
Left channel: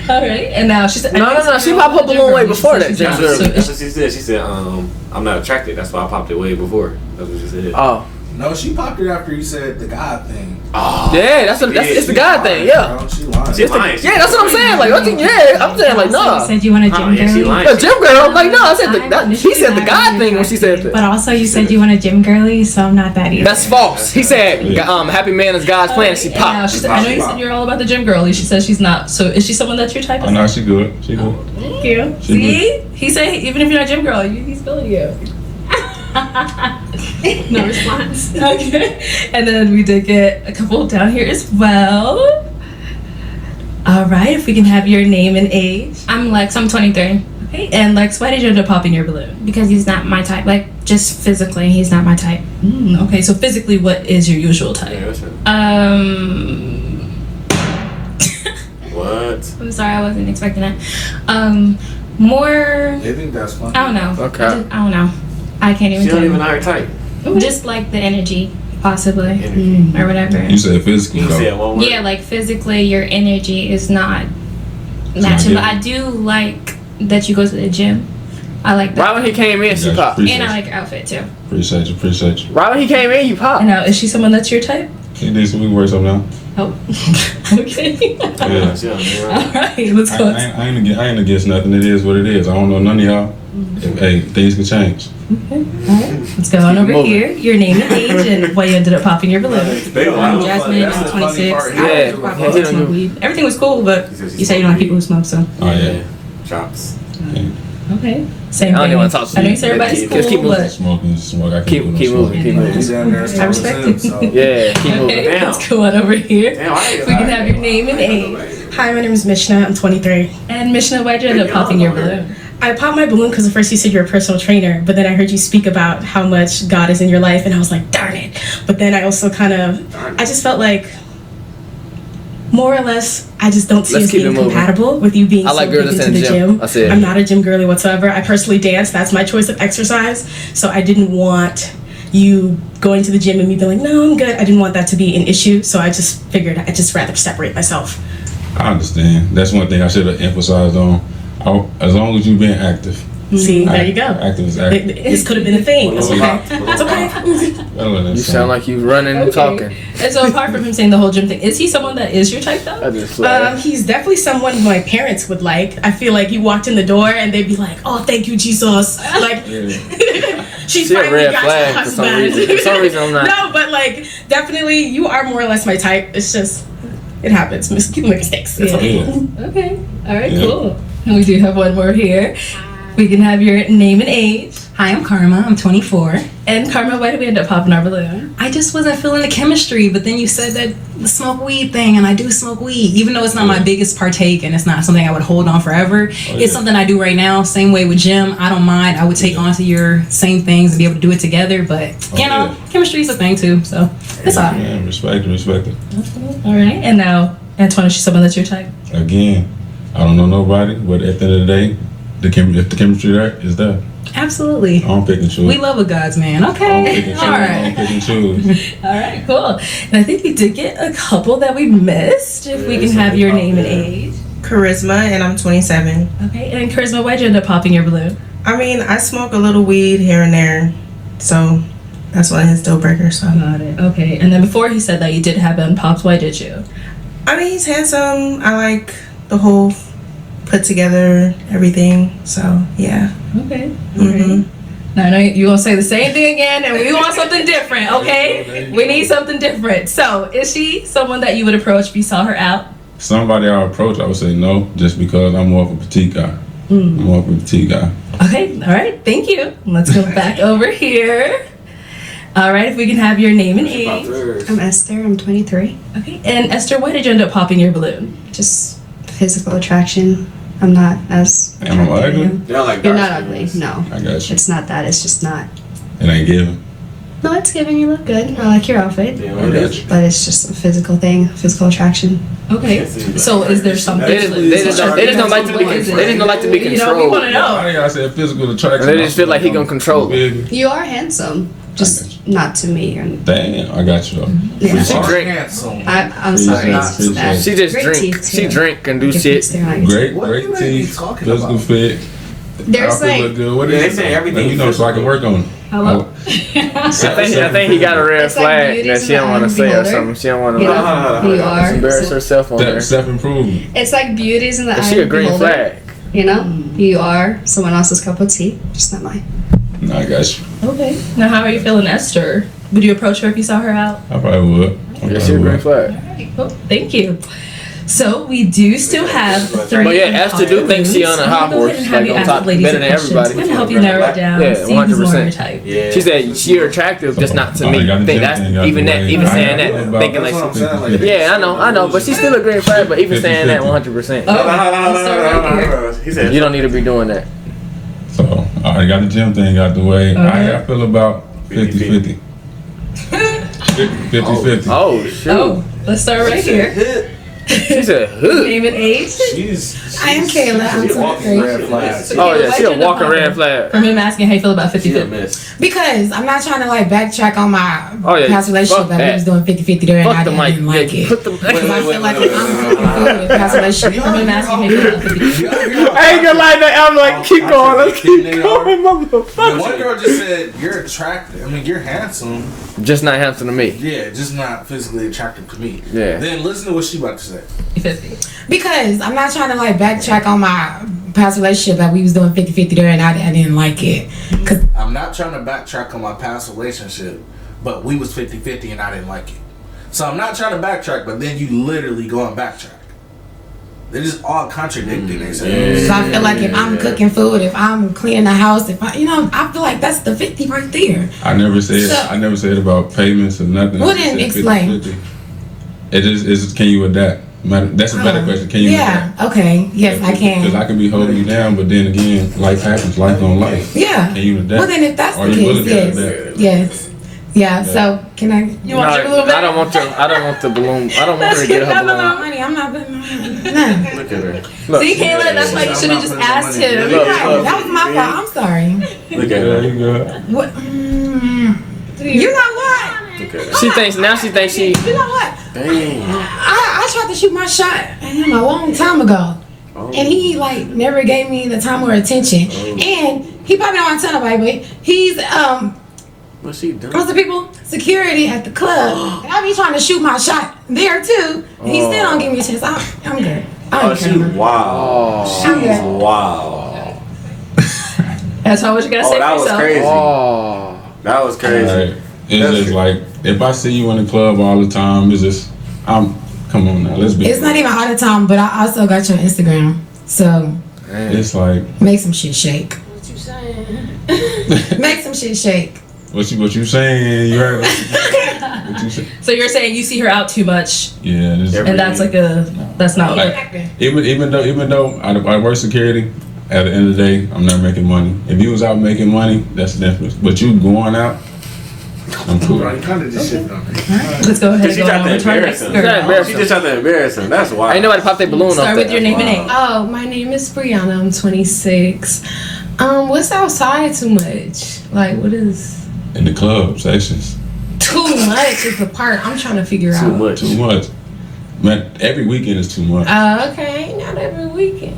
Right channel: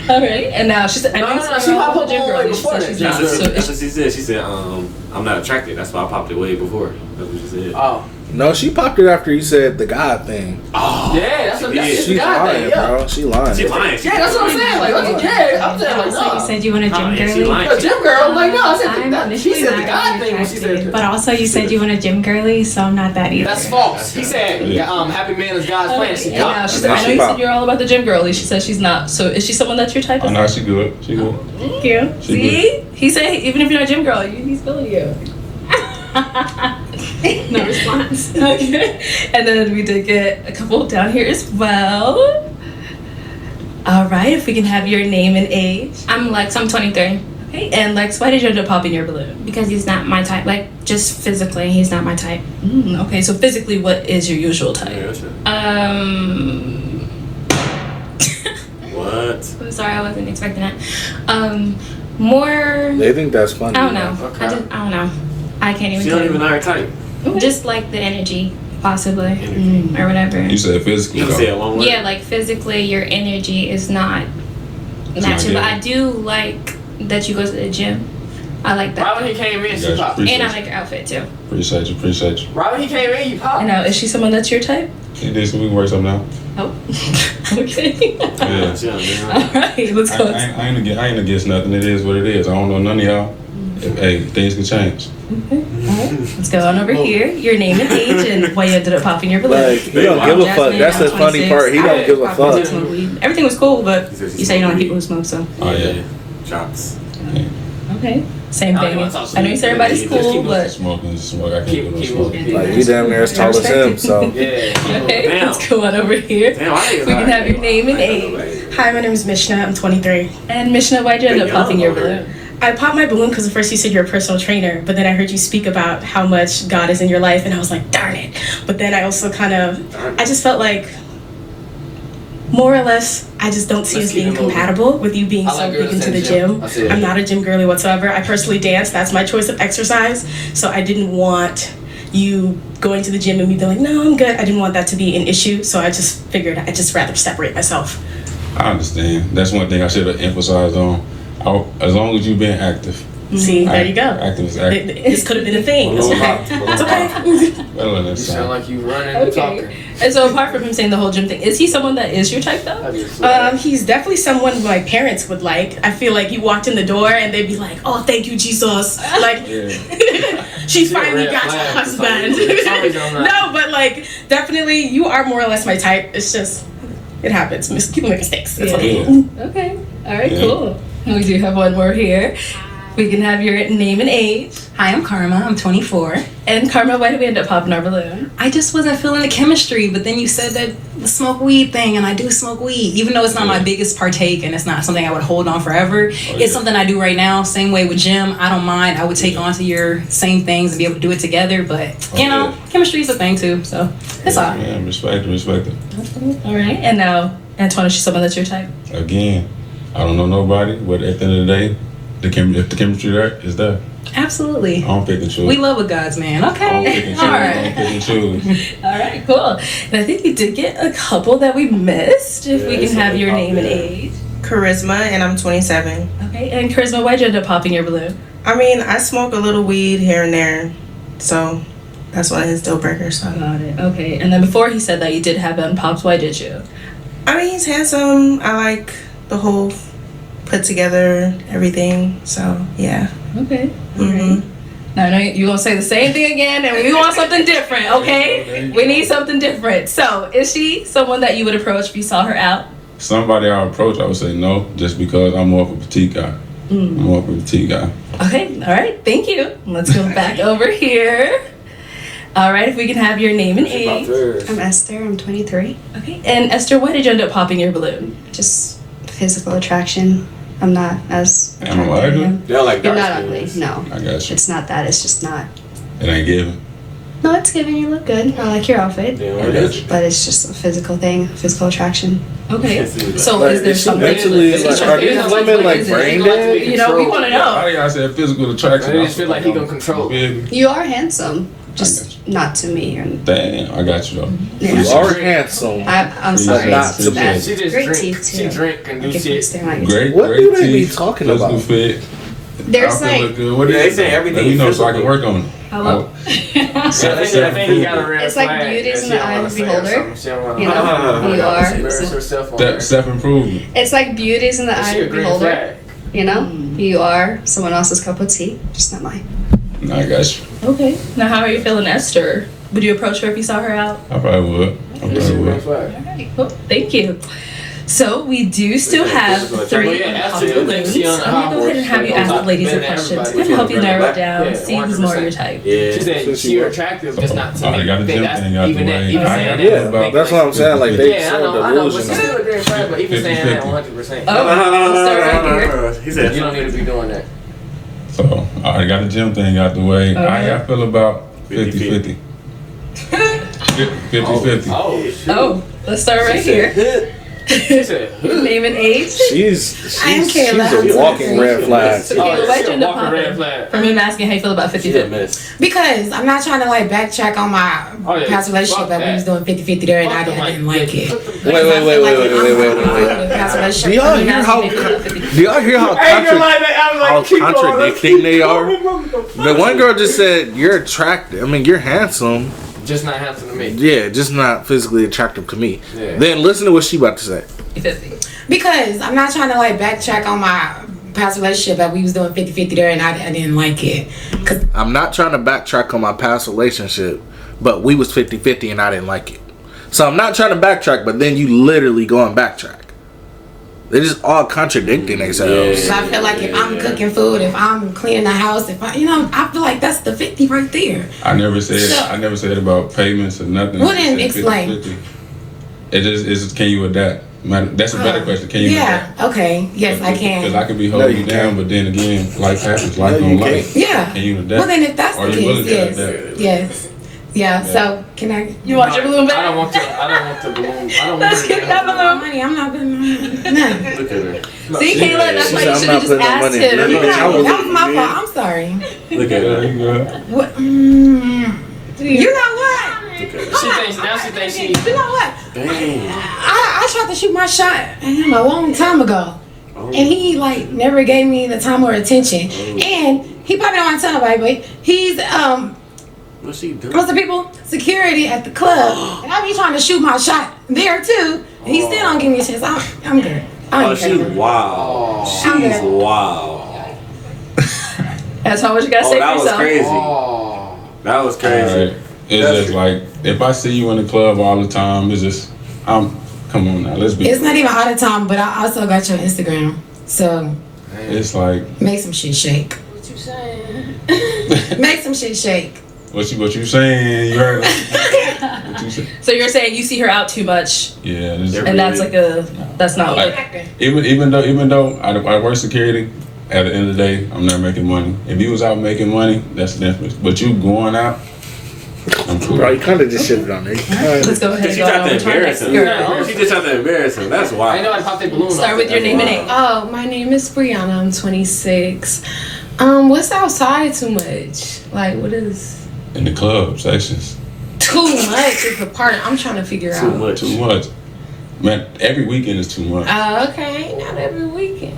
All right. And now she said, no. She popped her balloon way before that. That's what she said. She said, I'm not attracted. That's why I popped it way before. That's what she said. Oh. No, she popped it after you said the God thing. Oh, yeah, that's the God thing. Yeah, bro. She lying. She lying. Yeah, that's what I'm saying. Like, I'm saying like, Also, no. you said you want a gym girly. A gym girl. I'm like, no. I said she said the God thing when she said. But also, you said you want a gym girly, so I'm not that either. That's false. He said, "Happy man is God's plan." She And now popped. she said, I know you said you're all about the gym girly. She says she's not. So is she someone that you're type of? Oh, no, she good. She good. Thank you. She See, he said even if you're not a gym girl, he's feeling you. No response. Okay. And then we did get a couple down here as well. All right, if we can have your name and age. I'm Lex. I'm 23. Okay, and Lex, why did you end up popping your balloon? Because he's not my type. Like, just physically, he's not my type. Okay, so physically, what is your usual type? What? I'm sorry, I wasn't expecting that. More. They think that's funny. I don't know. Okay. I don't know. I can't even She tell don't you. even know her type. Just like the energy, possibly, or whatever. You said physically. You said one word. Yeah, like physically, your energy is not matching. But I do like that you go to the gym. I like that. Right when he came in, she popped. And I like your outfit too. Appreciate you. Right when he came in, you popped. And now, is she someone that's your type? She did some. We can work something out. Oh. Okay. Yeah. All right, let's go. I ain't against nothing. It is what it is. I don't know none of y'all. Hey, things can change. Okay. All right. Let's go on over here. Your name and age and why you ended up popping your balloon. I'm Jasmine. That's I'm the funny 26. part. He I don't like give a popping fuck. smoke weed. Everything was cool, but you say you don't like people who smoke, so. Oh yeah. Chops. Okay. Same I don't thing. wanna talk to I know you. you say everybody's Just keep cool, but Smoking. I can't Keep do no moving. smoking. Keep moving. He's down there as tall as respect him, it. so. Yeah. Keep moving. okay, Damn. let's go on over here. Damn, I ain't We can have your name and age. Hi, my name is Mishna. I'm 23. And Mishna, why'd you end up popping your balloon? I popped my balloon because at first you said you're a personal trainer, but then I heard you speak about how much God is in your life, and I was like, darn it. But then I also I just felt like, more or less, I just don't see Let's us keep being it moving. compatible with you being I so like big girls into in the the gym. gym. That's it. I'm not a gym girly whatsoever. I personally dance. That's my choice of exercise. So I didn't want you going to the gym and me being like, no, I'm good. I didn't want that to be an issue. So I just figured I'd just rather separate myself. I understand. That's one thing I should have emphasized on. As long as you've been active. See, there you go. Active is active. This could have been a thing. It's okay. It's okay. You sound like you running and talking. And so apart from him saying the whole gym thing, is he someone that is your type though? He's definitely someone who my parents would like. I feel like you walked in the door and they'd be like, "Oh, thank you, Jesus!" Like, she finally got your husband. No, but like, definitely, you are more or less my type. It's just, it happens. People make mistakes. It's okay. Okay. All right. Cool. And we do have one more here. We can have your name and age. Hi, I'm Karma. I'm 24. And Karma, why did we end up popping our balloon? I just wasn't feeling the chemistry, but then you said that the smoke weed thing, and I do smoke weed, even though it's not my biggest partake and it's not something I would hold on forever. It's something I do right now. Same way with Jim. I don't mind. I would take on to your same things and be able to do it together, but you know, chemistry is a thing too. So it's all right. Yeah, respect it. All right. And now, Antoine, is she someone that's your type? Again, I don't know nobody, but at the end of the day, if the chemistry there is there. Absolutely. I don't pick and choose. We love a God's man. I don't pick Okay. and choose. All I right. don't pick and choose. All right, cool. And I think we did get a couple that we missed. If we can have your name and age. Charisma, and I'm 27. Okay, and Charisma, why'd you end up popping your balloon? I mean, I smoke a little weed here and there, so that's one of his deal breakers. So. Got it. Okay, and then before he said that you did have him popped, why did you? I mean, he's handsome. I like the whole put together everything. So yeah. Okay. Now I know you gonna say the same thing again, and we want something different. Okay, we need something different. So, is she someone that you would approach if you saw her out? Somebody I approach, I would say no, just because I'm more of a petite guy. I'm more of a petite guy. Okay. All right. Thank you. Let's go back over here. All right. If we can have your name and age. I'm Esther. I'm 23. Okay. And Esther, why did you end up popping your balloon? Just physical attraction. I'm not as Am I attracted to ugly? him. You're not ugly. No. I got you. It's not that. It's just not. It ain't giving. No, it's giving. You look good. I like your outfit. I got you. But it's just a physical thing. Physical attraction. Okay. So is there something? They just don't like to be You know, we want to know. Why y'all say physical attraction? They just feel like he gonna control. You are handsome. Just not to me. And Damn, I got you though. Yeah. You are handsome. I'm sorry. It's just that. She just Great drink. teeth, too. She drink and do I can shit. fix their eyes. Great What do they be teeth, talking physical about? fit. There's outfit like look good. What they is say it? everything Let me know so I physical. can work on it. Hello? I think he got a red It's like flag beauty that is she in the don't eye want of to the say or beholder. something. She don't want to You know who you are. embarrass herself on there. Self-improvement. It's like beauty's in the eye She a of the green beholder. flag. You know, who you are someone else's cup of tea, just not mine. I got you. Okay. Now, how are you feeling, Esther? Would you approach her if you saw her out? I probably would. She a green flag. Alright, cool. Thank you. So we do still have three. Esther do think she on a I'm hot gonna go ahead and have you ask the ladies some questions. We're gonna help you narrow it down. See who's more your type. Yeah. She said she attractive, just not to me. got the Think gym that's thing out even the that, way. even saying that, thinking That's what I'm saying. Like, yeah, I know, but she's still a green flag. But even saying that 100%, He said you don't need to be doing that. So I got the gym thing out the way. I feel about 50-50. 50-50. Oh shit. Oh, let's start right here. She said, who? Name and age. I am Kayla. She's a I'm walking 23. red flag. So Oh, Kayla, yeah, why'd she you a end up walking red popping? flag. For me, I'm asking how you feel about 50-50. Because I'm not trying to like backtrack on my past relationship that we was doing 50-50 there and I didn't like it. Because I feel like if I'm fucking food with past relationship, Do y'all I'm hear asking how how you feel about 50-50. Do y'all hear how I ain't gonna lie, I'm like, keep going. contradicting they are? The one girl just said you're attractive. I mean, you're handsome. Just not handsome to me. Yeah, just not physically attractive to me. Yeah. Then listen to what she about to say. 50. Because I'm not trying to like backtrack on my past relationship that we was doing 50-50 there and I didn't like it. Cause I'm not trying to backtrack on my past relationship, but we was 50-50 and I didn't like it. So I'm not trying to backtrack, but then you literally go and backtrack. They're just all contradicting themselves. so I feel like if I'm cooking food, if I'm cleaning the house, if I, I feel like that's the 50 right there. I never said So- about payments or nothing. Well, I just then said explain. 50-50. It is can you adapt? That's a better question. Can you adapt? Okay. Yes, I can. Because I can be holding you down, but then again, life happens. Life don't life. Yeah. Can you adapt? Well, then if that's Are the you willing case, to yes. adapt? Yes. Yeah, so can I? You want your balloon back? I don't want the balloon. I don't want Let's her to get get that her balloon. balloon. Money, I'm not gonna. No. Look at her. See, Kayla, that's why you should have just asked him. That was my fault. I'm sorry. Look at her. What? You know what? She thinks she. You know what? Dang. I tried to shoot my shot at him a long time ago. And he like never gave me the time or attention. And he probably don't want to tell nobody, but he's What's she doing? what's the people? Security at the club. And I be trying to shoot my shot there too. And he still don't give me a chance. I'm good. I Oh, don't she's care. wow. I'm She's good. wow. That's how much you gotta say Oh, that for was yourself. crazy. Oh. That was crazy. Right. It's just like if I see you in the club all the time, it's just come on now, let's be. It's not even all the time, but I also got your Instagram. So It's like make some shit shake. What you saying? Make some shit shake. what you saying? You heard what you said? So you're saying you see her out too much, Yeah, this and that's like that's not like. even though I work security. At the end of the day, I'm not making money. If you was out making money, that's the difference. But you going out, I'm cool. Bro, you kind of just shitted on me. Let's go ahead She and tried go to on to our embarrass next him. girl. She just tried to embarrass him. That's why. Ain't nobody pop their balloon. Start off with that. your name and age. Oh, my name is Brianna. I'm 26. What's outside too much? Like, what is In the club sections, too much is the part I'm trying to figure out. too much. Man, every weekend is too much. Okay, not every weekend.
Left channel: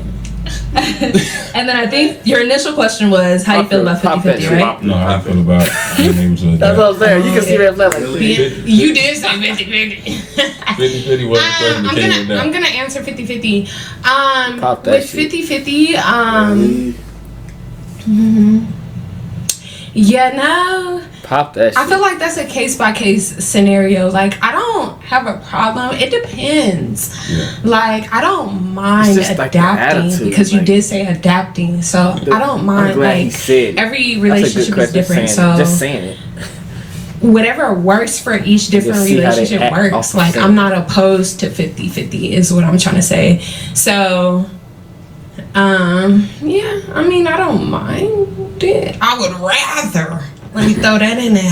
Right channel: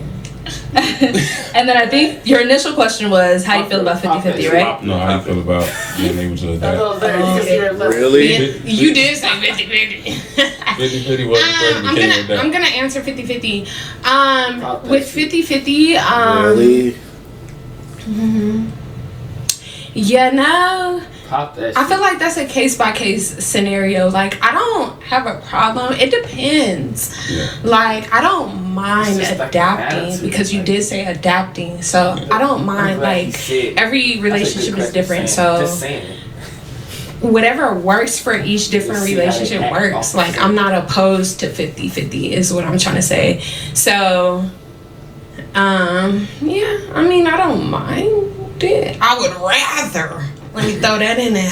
And then I think your initial question was how you feel about 50-50, right? No, how I feel about being able to That's what I'm saying. You can see her flag. You did say 50-50. 50-50 was the question that came with that. I'm gonna answer 50-50. Pop that With shit. 50-50, Pop that shit. I feel like that's a case by case scenario. Like, I don't have a problem. It depends. Yeah. Like, I don't mind It's just like the adapting attitude, because you like- did say adapting. So I don't mind. glad he Like, said. every That's a good relationship is question, different. saying- So just saying it. whatever works for each different Just see how they relationship act works. off the Like, scene. I'm not opposed to 50-50 is what I'm trying to say. So, yeah, I mean, I don't mind it. I would rather, let me throw that in there.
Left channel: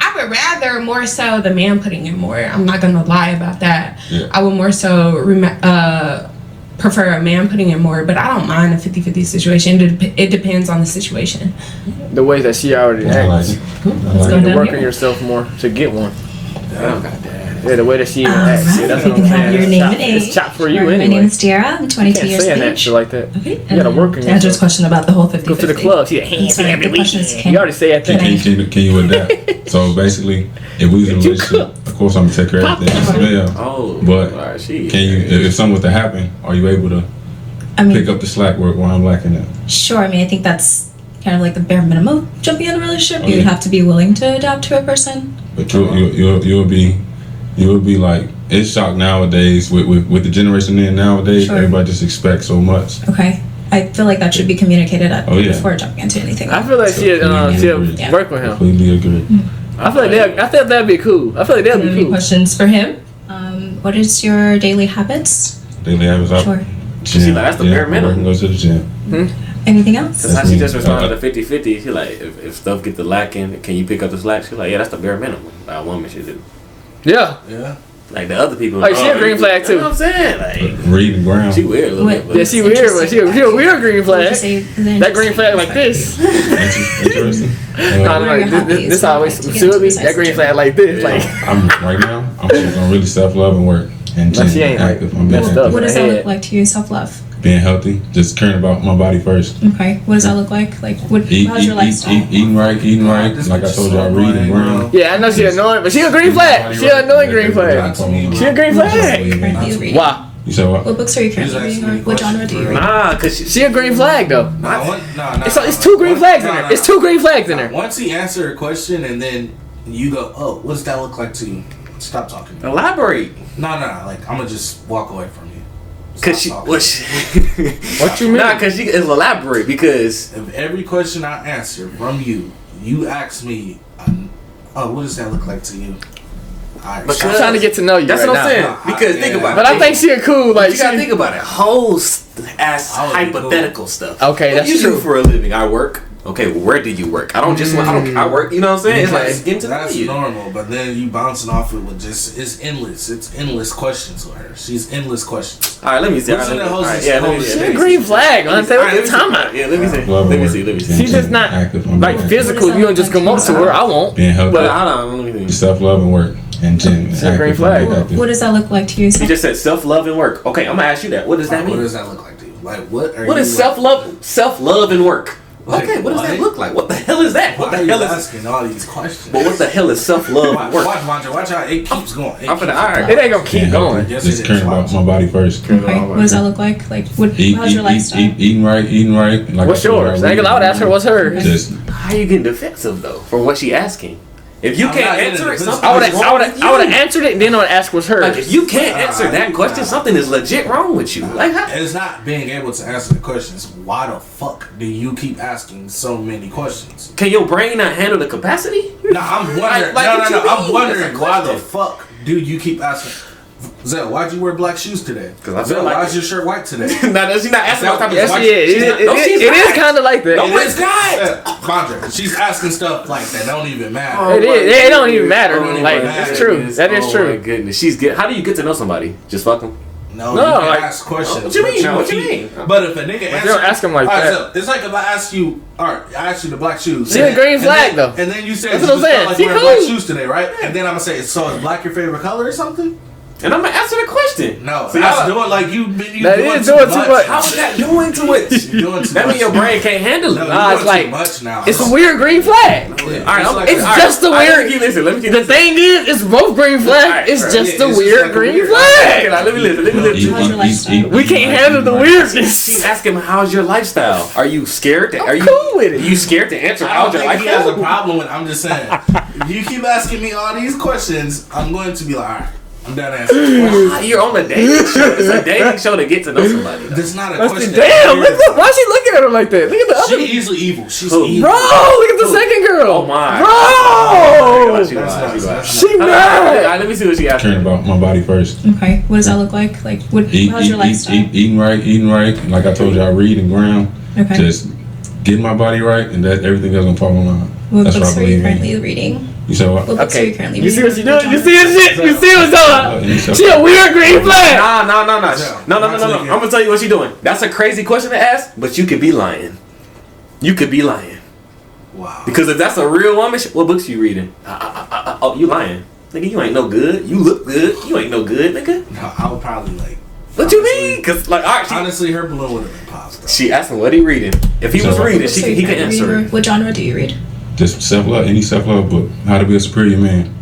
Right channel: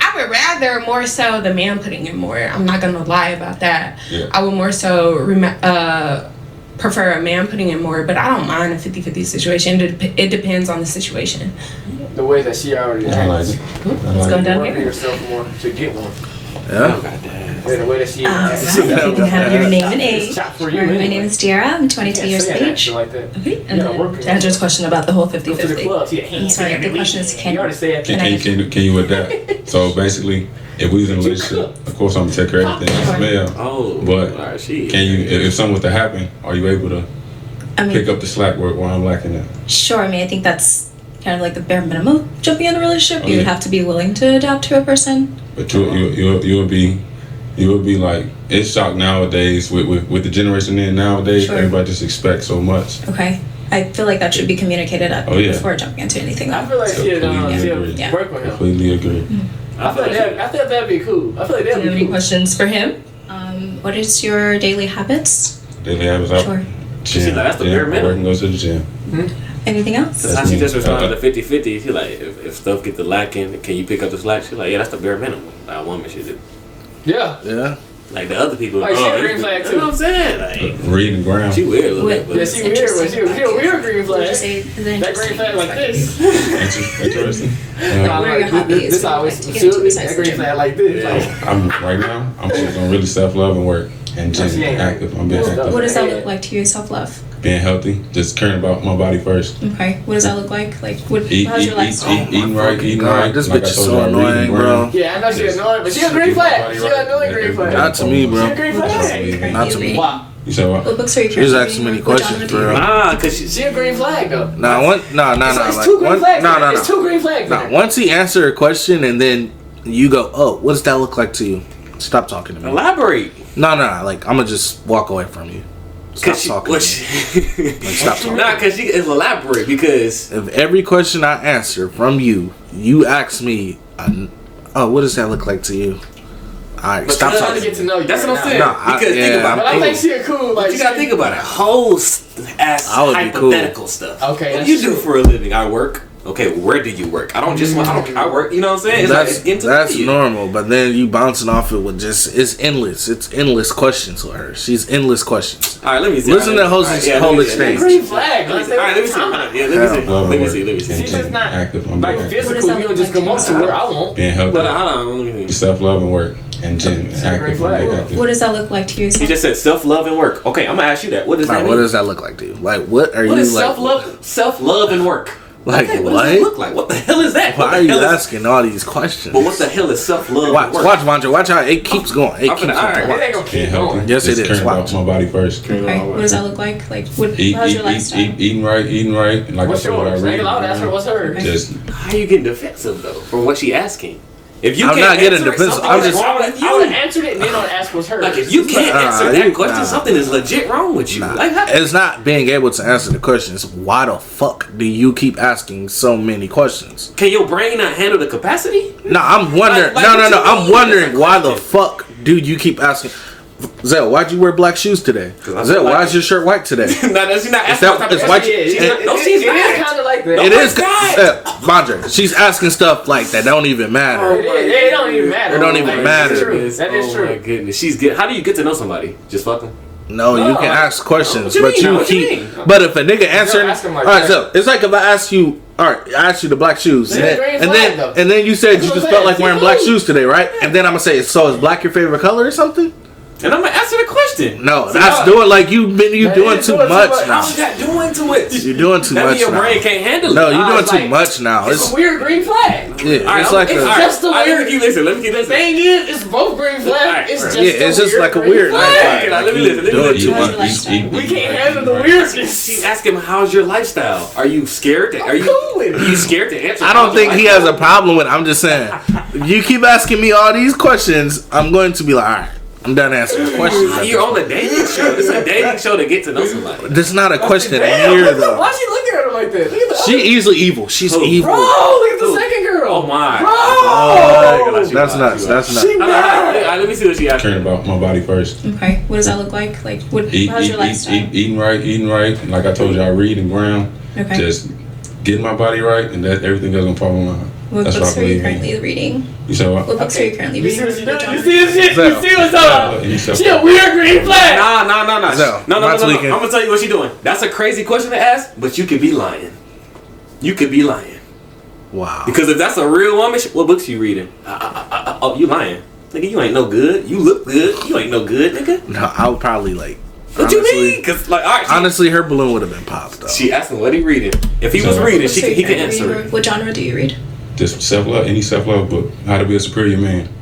I would rather more so the man putting in more. I'm not gonna lie about that. Yeah. I would more so prefer a man putting in more, but I don't mind a 50-50 situation. It depends on the situation. The way that she already I like acts. it. Let's go You down work on here. yourself more to get one. Oh, goddamn. Yeah, the way that she. If you can have your name and age. Sure, my name is Dara. I'm 22 years of age. Like that. Okay. And to answer his question about the whole 50-50. Go to the club. I'm sorry, the question is You already said that. Can you adapt? So basically, if we was in a relationship, of course I'm gonna take care of everything. Yeah. Oh, but can you, if something was to happen, are you able to pick up the slack where I'm lacking at? Sure. I mean, I think that's kind of like the bare minimum of jumping in a relationship. Oh, You yeah. have to be willing to adapt to a person. But you'll be like, it's shocked nowadays with the generation in nowadays. Sure. Everybody just expects so much. Okay. I feel like that should be communicated before jumping into anything. I feel like she'd work with him. Completely agree. I feel like that'd be cool. I feel like that'd be Any cool. questions for him? What is your daily habits? Daily habits out. Sure. Gym. That's the bare minimum. Work and go to the gym. Anything else? That's how she just responded to 50-50. She like, if stuff get the lacking, can you pick up the slack? She's like, yeah, that's the bare minimum that a woman should do. Yeah. Like the other people. Like she a green flag too. You know what I'm saying? Like reading ground. she weird a little bit. But Yeah, she weird. She a weird green flag. That green flag like this. Interesting. This always suit me. That green flag like this. Like I'm right now. I'm just on really self-love and work and No, she gym, ain't. active. I'm being active. What does that look like to you, self-love? Being healthy, just caring about my body first. Okay. What does that look like? Like, how's your lifestyle? Eating right. This Like I bitch is told so y'all, reading annoying, ground. yeah, I know she annoying, but she a green flag. She an annoying green flag. Not to me, bro. She a green flag. Currently reading. Wow. You said what? What books are you There's currently actually many reading? What genre questions, do you bro. read? Nah, cause She a green flag though. It's two green flags. in there. It's two green flags in there. Once he answered a question and then you go, oh, what does that look like to you? Stop talking to me. elaborate. No. Like I'm gonna just walk away from you. Cause she, what you mean? Nah, cause she is elaborate because if every question I answer from you, you ask me, oh, what does that look like to you? Alright, But I'm trying to get to know you. That's right what I'm saying. now. Because think about it. But I think she a cool. Like you gotta think about it. Whole ass I would be hypothetical stuff. Okay, What that's do you do true. for a living? I work. Okay, well, where do you work? I work. You know what I'm saying? It's like it's getting to know that's you. normal, but then you bouncing off it with just it's endless questions with her. She's endless questions. All right, let me see. Listen to Jose's stage. Green flag. All right, let me see. Let me see. She's just not active. I'm being like active. physical. You don't just come up to where I won't. Being healthy. But hold on, let me see. Self-love and work and gym. It's a green Active. I'm flag. being active. What does that look like to you? You just said self-love and work. Okay, I'm gonna ask you that. What does that Like, mean? what does that look like to you? Like, what are you? What is like, self-love and work? Like, Okay, what does that look like? What the hell is that? Why What are the you hell is? asking all these questions? But what the hell is self-love Watch, and work? Vandra, watch how it keeps going. It I'm keeps finna- all right, going. It ain't gonna Being keep healthy. going. Yes, just it is. caring Watch. about my body first. Okay. What does that look like? Like, how's your lifestyle? Eating right. Like What's I told yours? y'all, I ain't allowed to ask her what's hers. Just How are you getting defensive though for what she asking? If you I'm can't not getting answer it, defensive. something is wrong with I would you. have answered it and then I would ask what's hers. Like if you can't answer that you- question, something is legit wrong with you. Like how? It's not being able to answer the questions. Why the fuck do you keep asking so many questions? Can your brain not handle the capacity? No, I'm wondering. Like, no. what you I'm mean? wondering That's a why the question. fuck do you keep asking? Zell, why'd you wear black shoes today? I Zell, feel like why it. is your shirt white today? Nah, she's not asking what type of It's question. white- She's not- no, It she's is not. kind of like that. No, It it's is not. Vandra, she's asking stuff like that don't even matter. It is. It don't even matter. It don't even Like, matter. That's true. That is Oh true. my goodness, she's good. How do you get to know somebody? Just fuck them. No, No, you can like- ask questions, What you but mean? you What you keep. mean? But if a nigga answers, ask him like all right, that. so it's like if I ask you, all right, I asked you the black shoes, See, the green flag, though. and then you said That's you what just I'm felt saying. like See, wearing cool. black shoes today, right? And then I'm gonna say, so is black your favorite color or something? And I'm gonna answer the question. No, See, that's how- doing like you That doing is too doing too much. much. How is that doing to it? You're doing too That much. means your brain can't handle it. No, Nah, you're it's doing too like- much now. It's a weird green flag. Yeah, All right, it's like It's a- just a All right, let weird. me keep listening. Let me keep The listening. thing is, it's both green flags. Alright, It's alright. just Yeah, a it's just weird like a green weird- flag. Okay, now let me listen. Let me listen. How's your lifestyle? We can't handle the weirdness. She's asking him, how's your lifestyle? Are you scared? Are you cool with it. Are you scared to answer? I don't how's your think he has a lifestyle? problem with it. I'm just saying. If you keep asking me all these questions, I'm going to be like, all right, I'm done answering questions. You're on a dating show. It's a dating show to get to know somebody. This is not a question. Damn, Here, though. why is she looking at her like that? Look at the She other. easily evil. She's Who? evil. Bro, look at the second girl. Oh my. Bro! Oh, That's nuts. That's nuts. She mad. Let me see what she asked. caring about my body first. Okay. What does that look like? Like, how's your lifestyle? Eating right. Like I told y'all, reading ground. Okay. Just getting my body right, and that everything else gonna fall in line. What That's books what I are you believe in. currently reading? You said what? What books are you currently You see reading? what she doing? You see this shit? You see what's up? You said- She a weird green flag. Nah. So, No. not I'm tweaking. gonna tell you what she's doing. That's a crazy question to ask, but you could be lying. You could be lying. Wow. Because if that's a real woman, what books you reading? Oh, you lying. Nigga, you ain't no good. You look good. You ain't no good, nigga. No, I would probably like. What you mean? Cause like, all right, honestly, her balloon would have been popped. Though. She asked him what he reading. If he was reading, he can answer it. What genre do you read? Just self-love, any self-love book. How to be a superior man.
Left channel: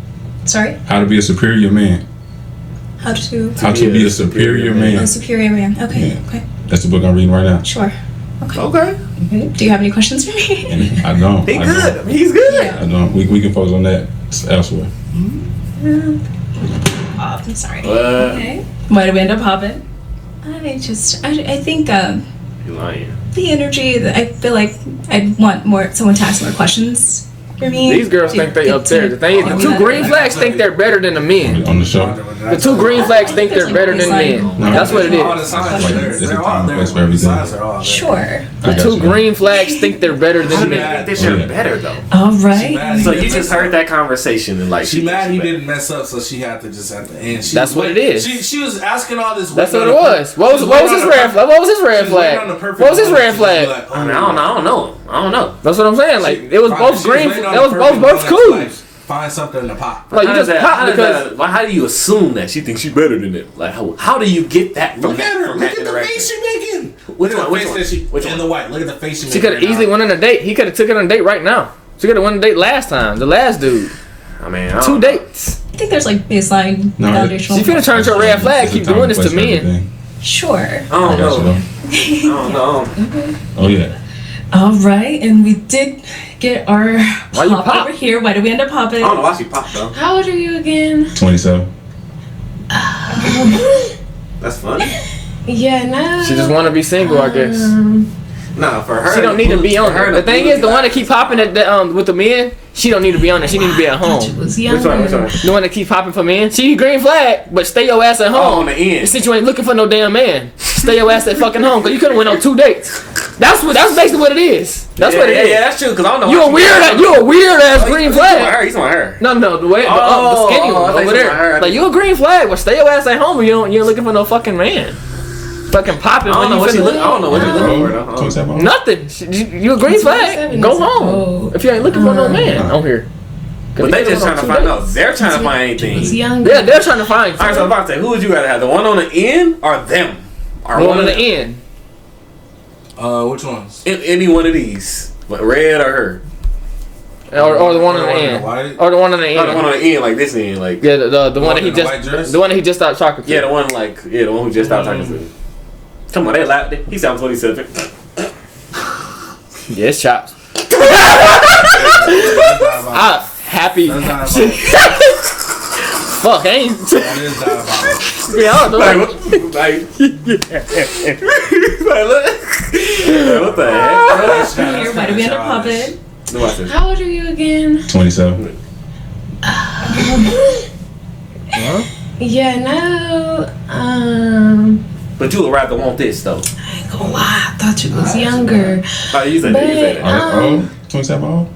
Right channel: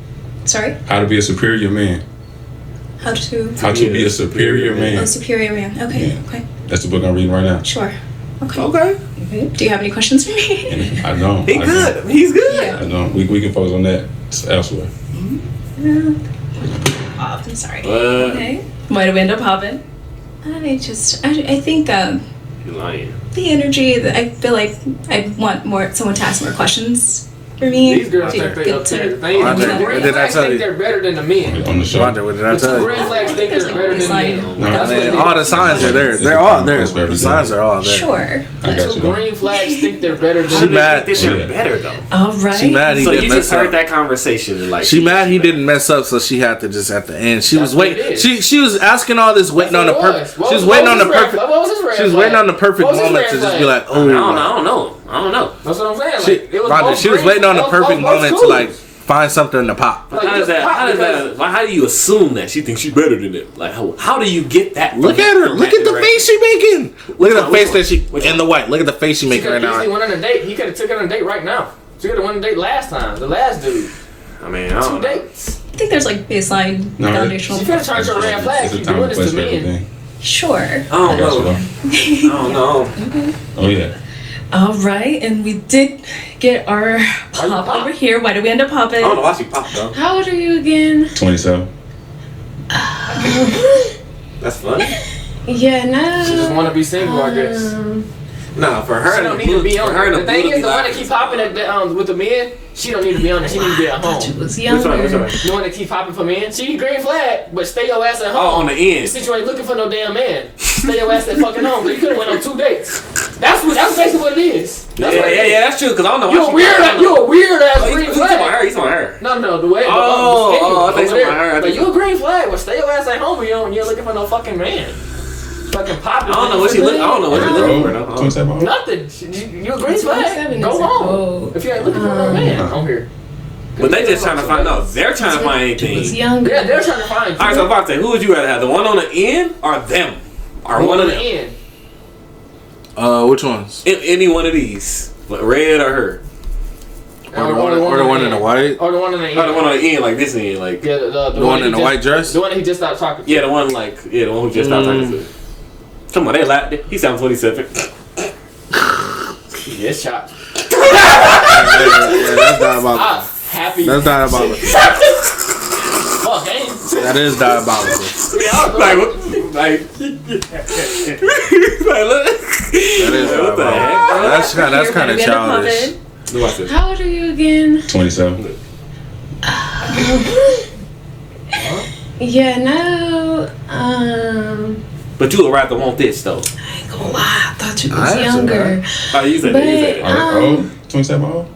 Sorry? How to be a superior man. How to be a superior man. A superior man. Okay. Yeah. Okay. That's the book I'm reading right now. Sure. Okay. Okay. Do you have any questions for me? I don't. He good. He's good. I don't. We can focus on that elsewhere. Oh, I'm sorry. Okay. Why did we end up hopping? I think you lying. The energy that I feel like I'd want someone to ask more questions for me. These girls think they up there. The thing is, the two green flags think they're better than the men. On the show. The two green flags think they're better than men. That's what it is. All the signs are there. They're all there. The signs are all there. Sure. The two green flags think they're better than She men. mad. They're better though. All right. She mad So you just heard that conversation and like she mad he didn't mess up, so she had to just at the end. She That's was what it is. She was asking all this, waiting on That's the what it perfect. was. What was his red flag? She was waiting on the perfect. What was his red moment to just flag? be like, I don't know. That's what I'm saying. Like it was both She was green. waiting on It the was perfect both moment to cool. like find something to pop. Like, How you does just that? pop How does because- that? How do you assume that she thinks she's better than it? Like how do you get that? Look at her. Look at the face she making. Look at the face that she in the white. Look at the face she She making could right have easily now. went on a date. He could have took it on a date right now. She could have went on a date last time. The last dude. I mean, 2 dates. I think there's like baseline foundational. She finna turn to a red flag. Keep doing this to men. Sure. I don't know. I don't know. Oh yeah. All right, and we did get our pop over here. Why did we end up popping? I don't know why she popped though. How old are you again? 27. That's funny. Yeah, no. She just want to be single, I guess. No, for her. She don't need to be on her. it. The thing is, the one that keep popping it with the men, she don't need to be on it. She need to be at home. Was Which one? The one that keep popping for men. She green flag, but stay your ass at home. Oh, on the end. Since you ain't looking for no damn man, stay your ass at fucking home. But you could have went on 2 dates. That's basically what it is. That's what it is. Yeah, that's true. Cause I don't know. You a weird ass green flag. He's on her. No, the way. Oh, the skinny one I think over he's on her. there. Like you a green flag, but stay your ass at home. You ain't looking for no fucking man. Fucking popping. I don't know what she look. I don't know what she looking for though. 27. Nothing. You a green flag. Go home. If you ain't looking for no man on here. But they just trying to find out. They're trying to find anything. Yeah, they're trying to find. All right, so I'm about to say, who would you rather have? The one on the end or them? Or one on of the them? end. Which ones? Any one of these, red or her? Or the one in the white. Or the one on the end. Oh, the one on the end, like this end, like yeah, the one in the white dress. The one that he just stopped talking to. yeah, the one the one who just stopped talking to. Come on, they laughed. He sounds 27. Yes, chops. Happy. That's diabolical. Fuck, ain't. That is diabolical. What the heck, bro? That's kind of childish. Watch this. How old are you again? 27. Yeah, no. But you would rather want this though. I ain't gonna lie, I thought you was younger. Oh, you said that. You said that. Oh, 27 old?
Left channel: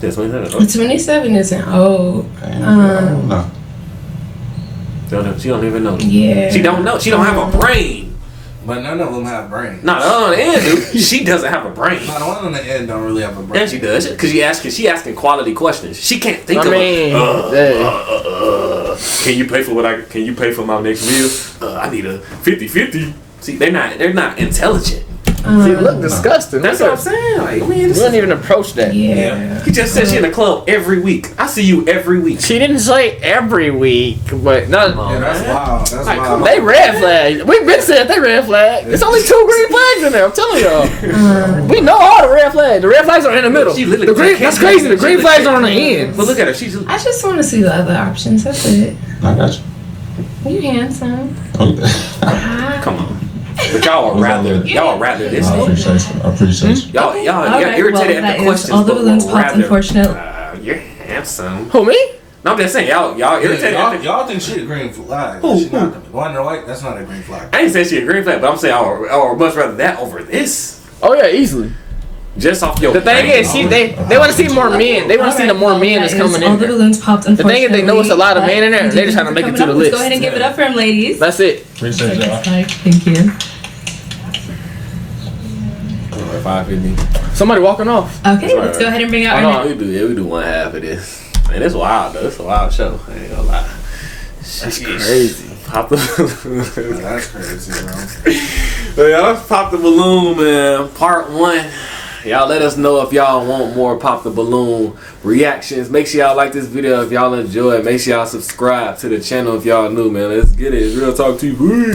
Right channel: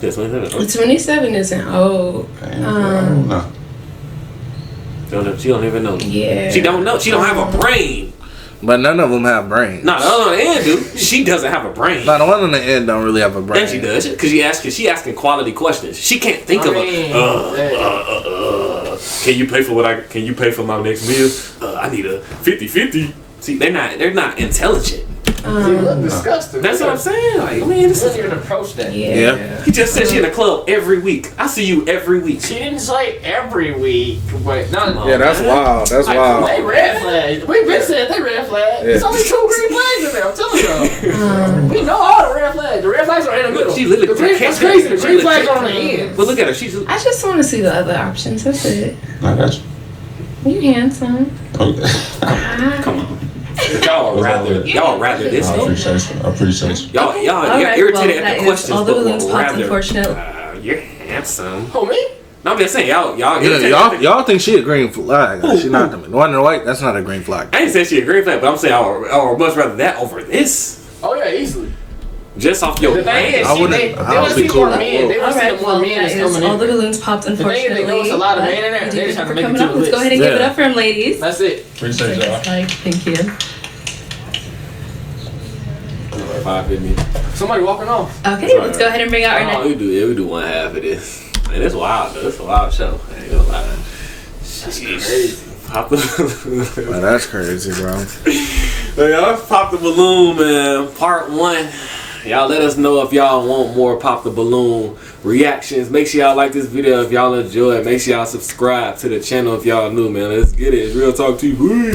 Yeah, 27. 27 isn't old. No. She don't even know. Yeah. She don't know. She don't have a brain. But none of them have brains. No, the one on the end, dude. She doesn't have a brain. No, the one on the end don't really have a brain. And she does, because she asking quality questions. She can't think Can you pay for Can you pay for my next meal? I need a 50-50. See, they're not intelligent. See, look disgusting. That's what I'm saying. Like, man, this doesn't even approach that. Yeah. He just said she in the club every week. I see you every week. She didn't say every week, but no. Yeah, that's wild. That's wild. They red flag. We've been saying they red flag. It's only 2 green flags in there. I'm telling y'all. We know all the red flags. The red flags are in the middle. She literally that's crazy. The green flags are on the end. But look at her. She's. I just want to see the other options. That's it. I got you. You handsome. Come on. But y'all are rather this. I appreciate you. Y'all irritated at the questions. All the balloons popped, unfortunately. You're handsome. Who, me? No, I'm just saying, y'all irritated. Y'all think she a green flag. She not the one in the white. That's not a green flag. I ain't say she a green flag, but I'm saying I would much rather that over this. Oh yeah, easily. Just off your. The thing is, they want to see more men. They want to see the more men that's coming in. All the balloons popped, unfortunately. The thing is, they know it's a lot of men in there. They just have to make it to the list. Let's go ahead and give it up for them, ladies. That's it. Appreciate y'all. Thank you. 550. Somebody walking off. Okay, let's go ahead and bring out our next. We do one half of this. Man, it's wild though. It's a wild show. I ain't gonna lie. That's crazy. Pop the Man, that's crazy, bro. But y'all, let's Pop the Balloon, man. Part 1. Y'all let us know if y'all want more Pop the Balloon reactions. Make sure y'all like this video if y'all enjoy it. Make sure y'all subscribe to the channel if y'all new, man. Let's get it. It's Real Talk TV.